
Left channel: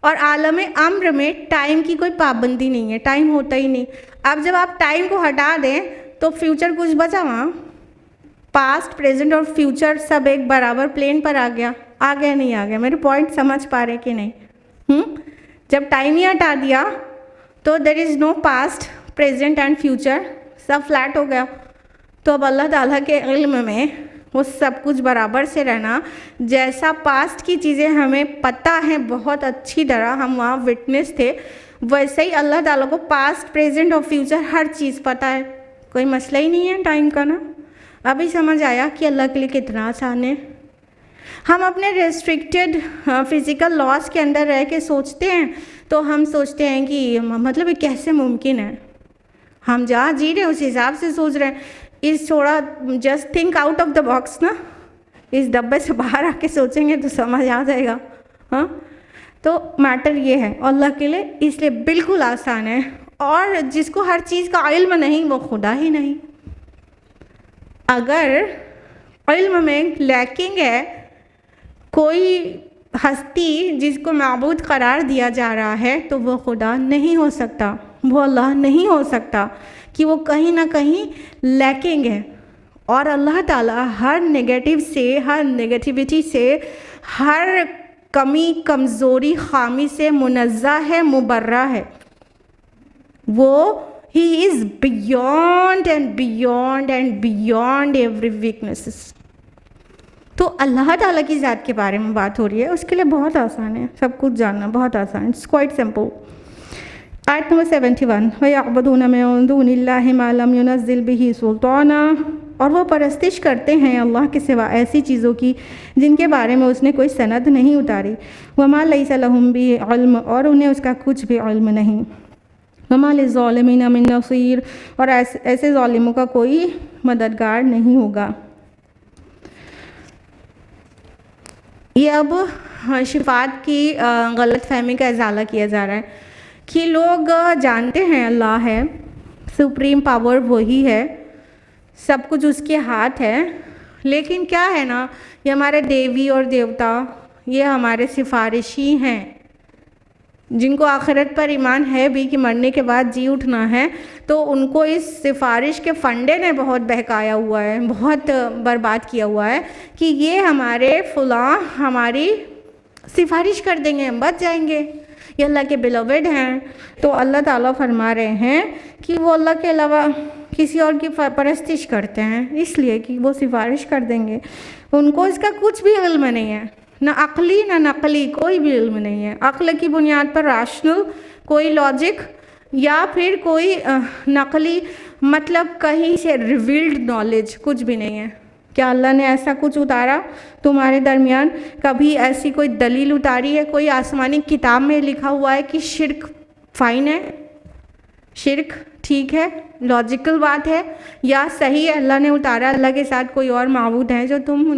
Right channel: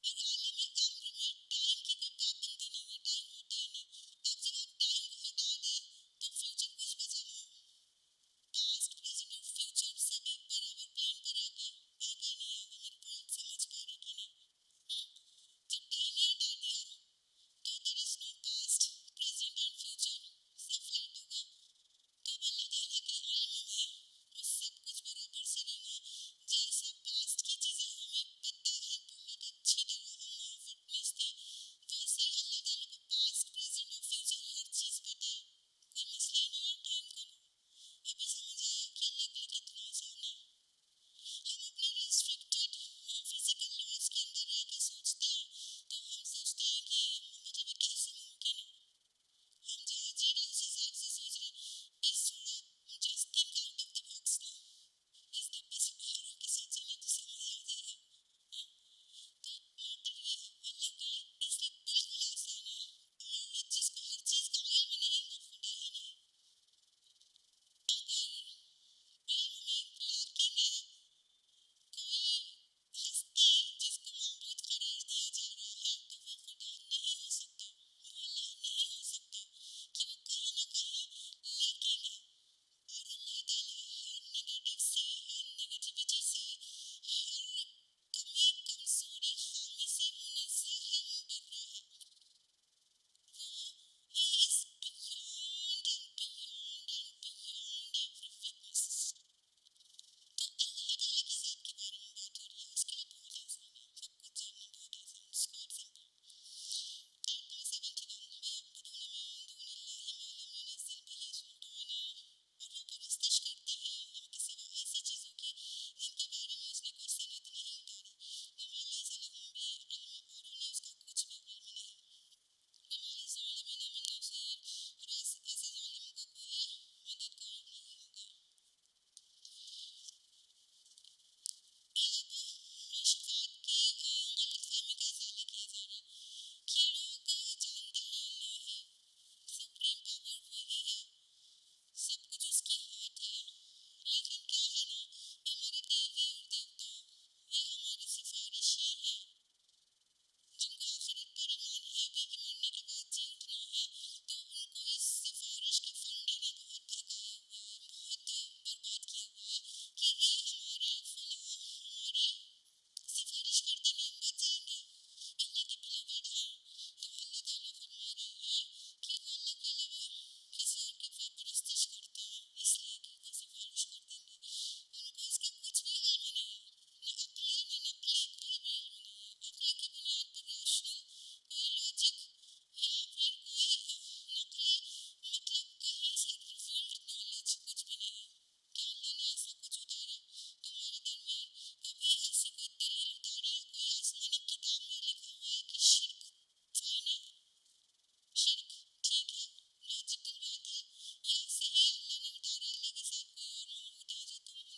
اور عالم امر میں ٹائم کی کوئی پابندی نہیں ہے، ٹائم ہوتا ہی نہیں. اب جب آپ ٹائم کو ہٹا دیں تو فیوچر کچھ بچا وہاں؟ پاسٹ، پریزنٹ اور فیوچر سب ایک برابر پلین پر آ گیا نہیں آ گیا؟ میرے پوائنٹ سمجھ پا رہے کہ نہیں؟ جب ٹائم ہی ہٹا دیا تو there is no past, present and future, سب فلیٹ ہو گیا. تو اب اللہ تعالیٰ کے علم میں وہ سب کچھ برابر سے رہنا، جیسا پاسٹ کی چیزیں ہمیں پتہ ہیں بہت اچھی طرح، ہم وہاں وٹنس تھے، ویسے ہی اللہ تعالیٰ کو پاسٹ، پریزنٹ اور فیوچر ہر چیز پتہ ہے. کوئی مسئلہ ہی نہیں ہے ٹائم کا نا. ابھی سمجھ آیا کہ اللہ کے لیے کتنا آسان ہے. ہم اپنے ریسٹرکٹیڈ فزیکل لاس کے اندر رہ کے سوچتے ہیں تو ہم سوچتے ہیں کہ مطلب یہ کیسے ممکن ہے. ہم جہاں جی رہے ہیں اس حساب سے سوچ رہے ہیں. اس تھوڑا just think out of the box نا, اس ڈبے سے باہر آ کے سوچیں گے تو سمجھ آ جائے گا. ہاں تو میٹر یہ ہے اللہ کے لیے اس لیے بالکل آسان ہے. اور جس کو ہر چیز کا علم نہیں وہ خدا ہی نہیں. اگر علم میں لیکنگ ہے, کوئی ہستی جس کو معبود قرار دیا جا رہا ہے تو وہ خدا نہیں ہو سکتا, وہ اللہ نہیں ہو سکتا کہ وہ کہیں نہ کہیں لیکنگ ہے. اور اللہ تعالیٰ ہر نگیٹو سے, ہر نگیٹیوٹی سے, ہر کمی کمزوری خامی سے منزہ ہے, مبرہ ہے. وہ ہی is beyond and beyond and beyond every weaknesses. تو اللہ تعالیٰ کی ذات کے بارے میں بات ہو رہی ہے, اس کے لیے بہت آسان ہے, سب کچھ جاننا بہت آسان ہے. It's quite simple. آیت نمبر 71 وَيَعْبُدُونَ مِن دُونِ اللَّهِ مَا لَمْ يُنَزِّلْ بِهِ سُلْطَانًا, اور وہ پرستش کرتے ہیں اللہ کے سوا ایسی چیزوں کی جن کے بارے میں اس نے کوئی سند نہیں اتاری. وَمَا لَيْسَ لَهُم بِهِ عِلْمٌ, اور انہیں اس کا کچھ بھی علم نہیں. وَمَا لِلظَّالِمِينَ مِن نَصِيرٍ, اور ایسے ظالموں کا کوئی مددگار نہیں ہوگا. یہ اب شفاعت کی غلط فہمی کا ازالہ کیا جا رہا ہے کہ لوگ جانتے ہیں اللہ ہے, سپریم پاور وہی ہے, سب کچھ اس کے ہاتھ ہے, لیکن کیا ہے نا, یہ ہمارے دیوی اور دیوتا یہ ہمارے سفارشی ہیں جن کو آخرت پر ایمان ہے بھی کہ مرنے کے بعد جی اٹھنا ہے. تو ان کو اس سفارش کے فنڈے نے بہت بہکایا ہوا ہے, بہت برباد کیا ہوا ہے کہ یہ ہمارے فلاں ہماری سفارش کر دیں گے, ہم بچ جائیں گے, یہ اللہ کے بلوڈ ہیں. تو اللہ تعالیٰ فرما رہے ہیں کہ وہ اللہ کے علاوہ کسی اور کی پرستش کرتے ہیں اس لیے کہ وہ سفارش کر دیں گے. ان کو اس کا کچھ بھی علم نہیں ہے, نہ عقلی نہ نقلی, کوئی بھی علم نہیں ہے. عقل کی بنیاد پر راشنل کوئی لاجک یا پھر کوئی نقلی مطلب کہیں سے ریویلڈ نالج کچھ بھی نہیں ہے. کیا اللہ نے ایسا کچھ اتارا تمہارے درمیان؟ کبھی ایسی کوئی دلیل اتاری ہے؟ کوئی آسمانی کتاب میں لکھا ہوا ہے کہ شرک فائن ہے, شرک ٹھیک ہے, لاجیکل بات ہے یا صحیح ہے؟ اللہ نے اتارا اللہ کے ساتھ کوئی اور معبود ہیں جو تم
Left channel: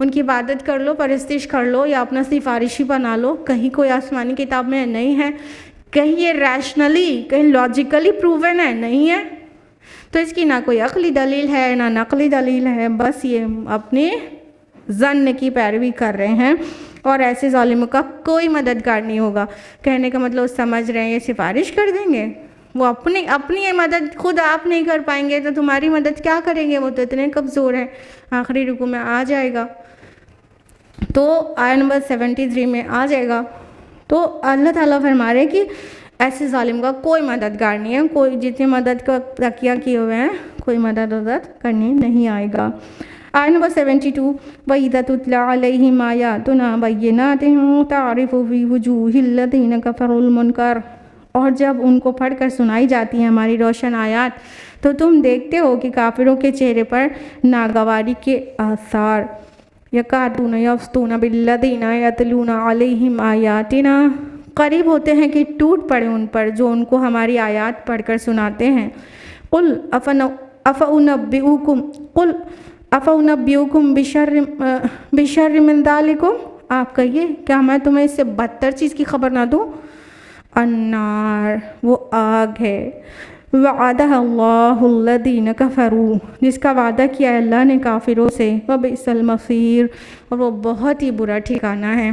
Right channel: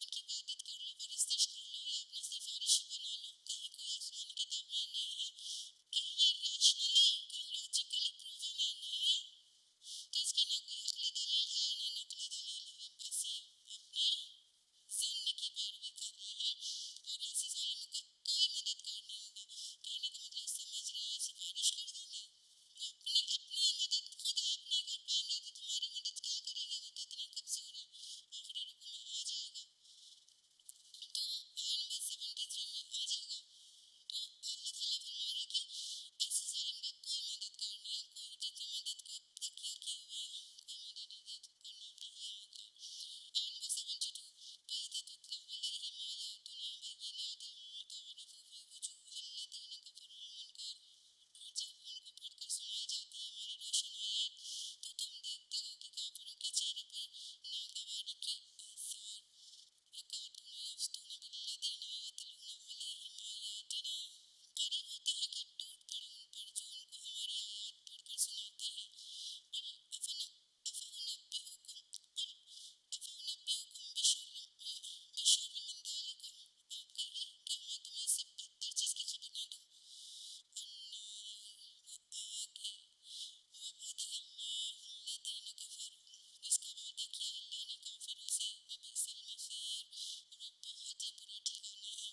ان کی عبادت کر لو, پرستش کر لو یا اپنا سفارشی بنا لو. کہیں کوئی آسمانی کتاب میں نہیں ہے, کہیں یہ ریشنلی کہیں لاجیکلی پروون ہے, نہیں ہے. تو اس کی نہ کوئی عقلی دلیل ہے نہ نقلی دلیل ہے, بس یہ اپنے ظن کی پیروی کر رہے ہیں. اور ایسے ظالموں کا کوئی مددگار نہیں ہوگا. کہنے کا مطلب سمجھ رہے ہیں یہ سفارش کر دیں گے, وہ اپنی مدد خود آپ نہیں کر پائیں گے تو تمہاری مدد کیا کریں گے, وہ تو اتنے کمزور ہیں. آخری رکوع میں آ جائے گا تو آیت نمبر 73 میں آ جائے گا. تو اللہ تعالیٰ فرما رہے کہ ایسے ظالم کا کوئی مددگار نہیں ہے, کوئی جتنی مدد کا تقیہ کیے ہوئے ہیں کوئی مدد کرنے نہیں آئے گا. آیت نمبر 72 وَإِذَا تُتْلَى عَلَيْهِمْ آيَاتُنَا بَيِّنَاتٍ تَعْرِفُ فِي وُجُوهِ الَّذِينَ كَفَرُوا الْمُنكَرَ, اور جب ان کو پڑھ کر سنائی جاتی ہیں ہماری روشن آیات تو تم دیکھتے ہو کہ کافروں کے چہرے پر ناگواری کے آثار. يَكَادُونَ يَسْطُونَ بِالَّذِينَ يَتْلُونَ عَلَيْهِمْ آيَاتِنَا, قریب ہوتے ہیں کہ ٹوٹ پڑے ان پر جو ان کو ہماری آیات پڑھ کر سناتے ہیں. قُلْ أَفَأُنَبِّئُكُمْ بِشَرٍّ مِّن ذَلِكُمْ, آپ کہیے کیا میں تمہیں اس سے بدتر چیز کی خبر نہ دوں؟ النار, وہ آگ ہے. وَعَدَهَا اللَّهُ الَّذِينَ كَفَرُوا, جس کا وعدہ کیا ہے اللہ نے کافروں سے. وَبِئْسَ الْمَصِيرُ, اور وہ بہت ہی برا ٹھکانہ ہے.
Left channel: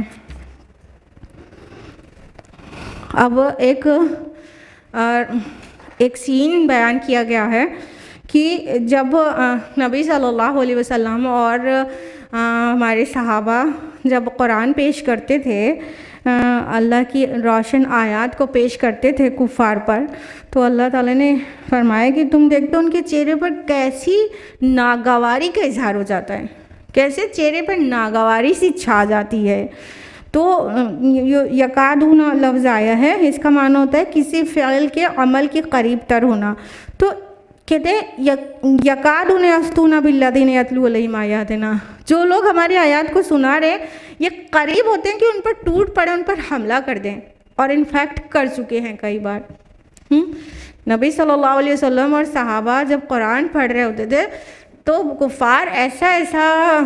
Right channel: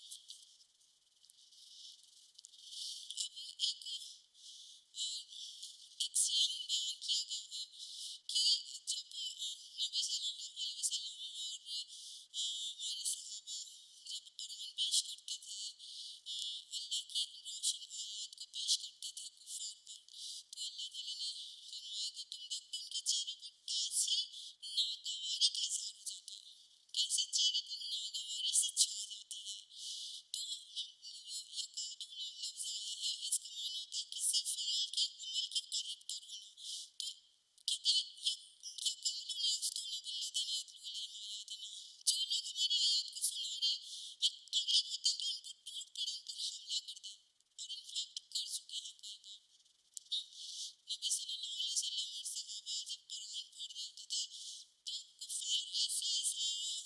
اب ایک سین بیان کیا گیا ہے کہ جب نبی صلی اللہ علیہ وسلم اور ہمارے صحابہ جب قرآن پیش کرتے تھے, اللہ کی روشن آیات کو پیش کرتے تھے کفار پر, تو اللہ تعالیٰ نے فرمایا کہ تم دیکھتے ان کے چہرے پر کیسی ناگواری کا اظہار ہو جاتا ہے, کیسے چہرے پر ناگواری سی چھا جاتی ہے. تو یکادونا لفظ آیا ہے, اس کا معنی ہوتا ہے کسی فعل کے عمل کے قریب تر ہونا. تو کہتے یکادون یسطون بالذین یتلو علیہم آیاتنا، جو لوگ ہماری آیات کو سنا رہے یہ قریب ہوتے ہیں کہ ان پر ٹوٹ پڑے، ان پر حملہ کر دیں، اور انفیکٹ کر چکے ہیں کئی بار۔ نبی صلی اللہ علیہ وسلم اور صحابہ جب قرآن پڑھ رہے ہوتے تھے تو کفار ایسا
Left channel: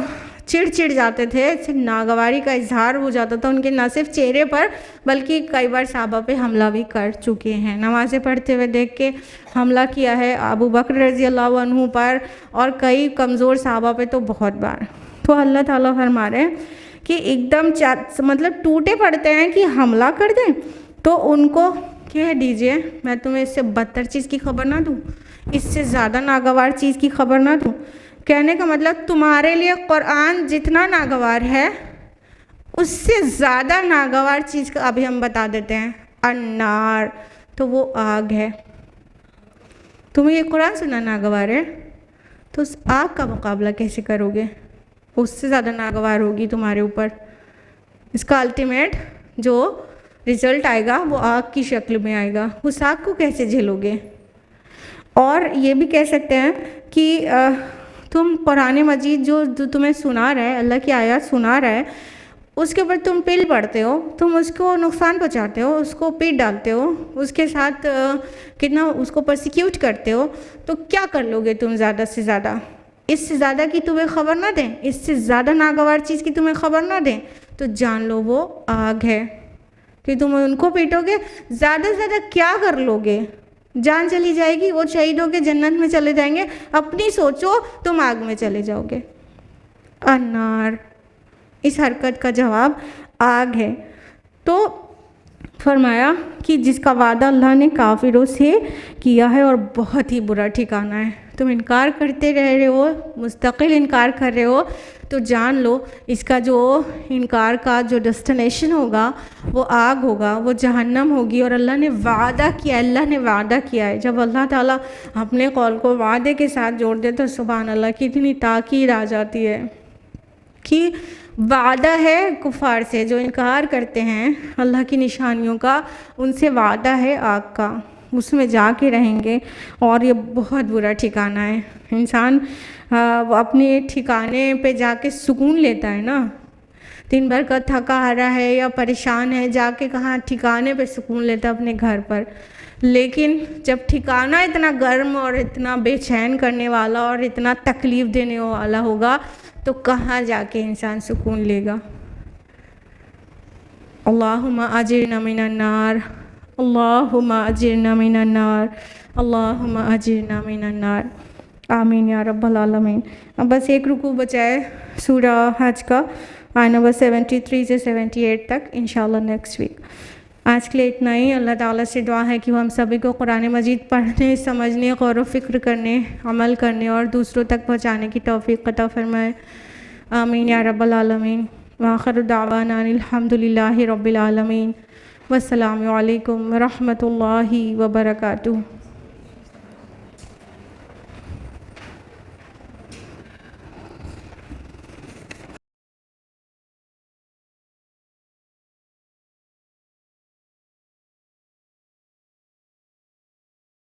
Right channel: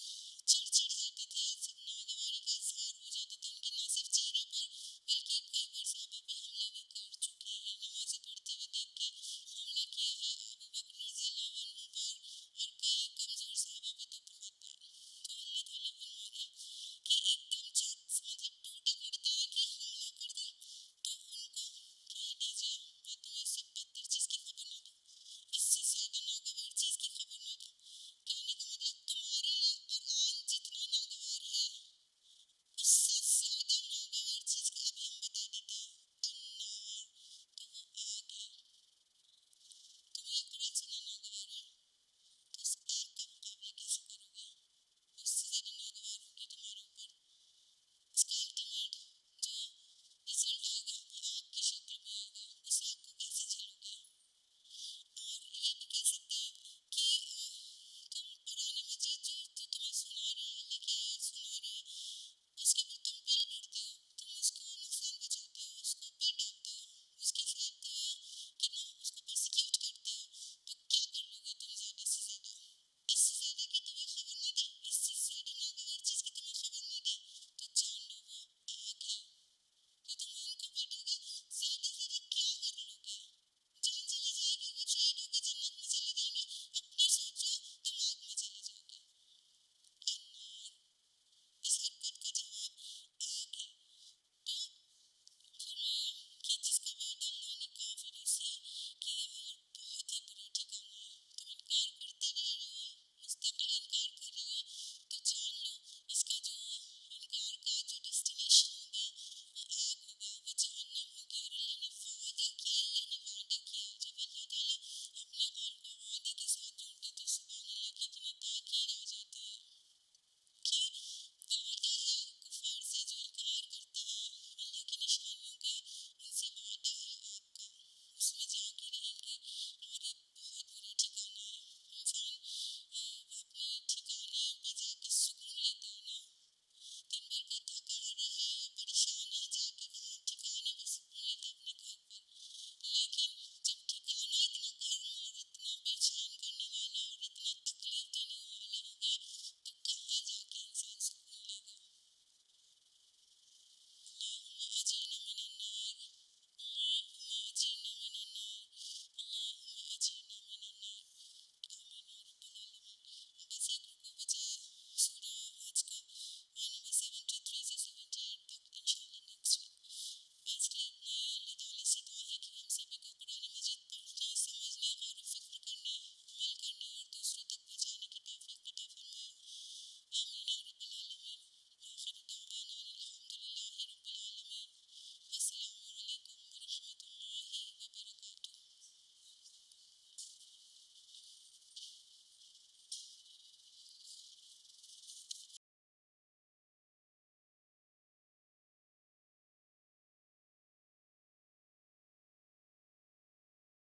چڑ جاتے تھے، ناگواری کا اظہار ہو جاتا تھا ان کے نہ صرف چہرے پر بلکہ کئی بار صحابہ پہ حملہ بھی کر چکے ہیں۔ نمازیں پڑھتے ہوئے دیکھ کے حملہ کیا ہے ابو بکر رضی اللہ عنہ پر، اور کئی کمزور صحابہ پہ تو بہت بار۔ تو اللہ تعالیٰ فرما رہے ہیں کہ ایک دم مطلب ٹوٹے پڑتے ہیں کہ حملہ کر دیں، تو ان کو کہہ دیجئے میں تمہیں اس سے بدتر چیز کی خبر نہ دوں، اس سے زیادہ ناگوار چیز کی خبر نہ دوں۔ کہنے کا مطلب تمہارے لیے قرآن جتنا ناگوار ہے اس سے زیادہ ناگوار چیز کا ابھی ہم بتا دیتے ہیں، النار، تو وہ آگ ہے۔ تمہیں یہ قرآن سننا ناگوار ہے تو اس آگ کا مقابلہ کیسے کرو گے؟ اس سے زیادہ ناگوار ہوگی تمہارے اوپر۔ اس کا الٹیمیٹ جو رزلٹ آئے گا وہ آگ کی شکل میں آئے گا، اس آگ کو کیسے جھیلو گے؟ اور یہ بھی کہہ سکتے ہیں کہ تم قرآن مجید جو تمہیں سنا رہا ہے، اللہ کی آیات سنا رہا ہے، اس کے اوپر تم پل پڑھتے ہو، تم اس کو نقصان پہنچاتے ہو، اس کو پیٹ ڈالتے ہو، اس کے ساتھ کتنا اس کو پرسیکیوٹ کرتے ہو، تو کیا کر لو گے تم زیادہ سے زیادہ؟ اس سے زیادہ کی تمہیں خبر نہ دیں، اس سے زیادہ ناگوار چیز کی تمہیں خبر نہ دیں، تو جان لو وہ آگ ہے کہ تم ان کو پیٹو گے۔ زیادہ سے زیادہ کیا کر لو گے؟ جان چلی جائے گی، وہ شہید ہو کے جنت میں چلے جائیں گے، اپنی سوچو تم آگ میں چلے جاؤ گے۔ النار، اس حرکت کا جواب آگ ہے۔ تو فرمایا کہ جس کا وعدہ اللہ نے کافروں سے کیا ہے اور بہت ہی برا ٹھکانہ ہے۔ تم انکار کرتے رہ رہے ہو، مستقل انکار کر رہے ہو، تو جان لو اس کا جو انکار کا جو ڈیسٹینیشن ہوگا وہ آگ ہوگا، وہ جہنم ہوگی۔ اور اللہ نے وعدہ کیا، اللہ نے وعدہ کیا ہے۔ جب اللہ تعالیٰ اپنے قول کو وعدے کے ساتھ جوڑ دے تو سبحان اللہ کتنی تاکید آ جاتی ہے کہ وعدہ ہے کفار سے جو انکار کرتے ہیں اللہ کی نشانیوں کا، ان سے وعدہ ہے آگ کا، اس میں جا کے رہیں گے، اور یہ بہت برا ٹھکانہ ہے۔ انسان اپنے ٹھکانے پہ جا کے سکون لیتا ہے نا، دن بھر کا تھکا ہارا ہے یا پریشان ہے، جا کے کہاں ٹھکانے پہ سکون لیتا ہے اپنے گھر پر، لیکن جب ٹھکانہ اتنا گرم اور اتنا بے چین کرنے والا اور اتنا تکلیف دینے والا ہوگا تو کہاں جا کے انسان سکون لے گا؟ اللہم اجرنا من النار، اللہم اجرنا من النار، اللہم اجرنا من النار، آمین یا رب العالمین۔ اب بس ایک رکوع بچائے سورہ حج کا، آیت نمبر 73 سے 78 تک، انشاءاللہ نیکسٹ ویک۔ آج کے لیے اتنا ہی۔ اللہ تعالیٰ سے دعا ہے کہ وہ ہم سبھی کو قرآن مجید پڑھنے، سمجھنے، غور و فکر کرنے، عمل کرنے اور دوسروں تک پہنچانے کی توفیق عطا فرمائے، آمین یا رب العالمین۔ وآخر دعوانا الحمدللہ رب العالمین، والسلام علیکم ورحمۃ اللہ وبرکاتہ۔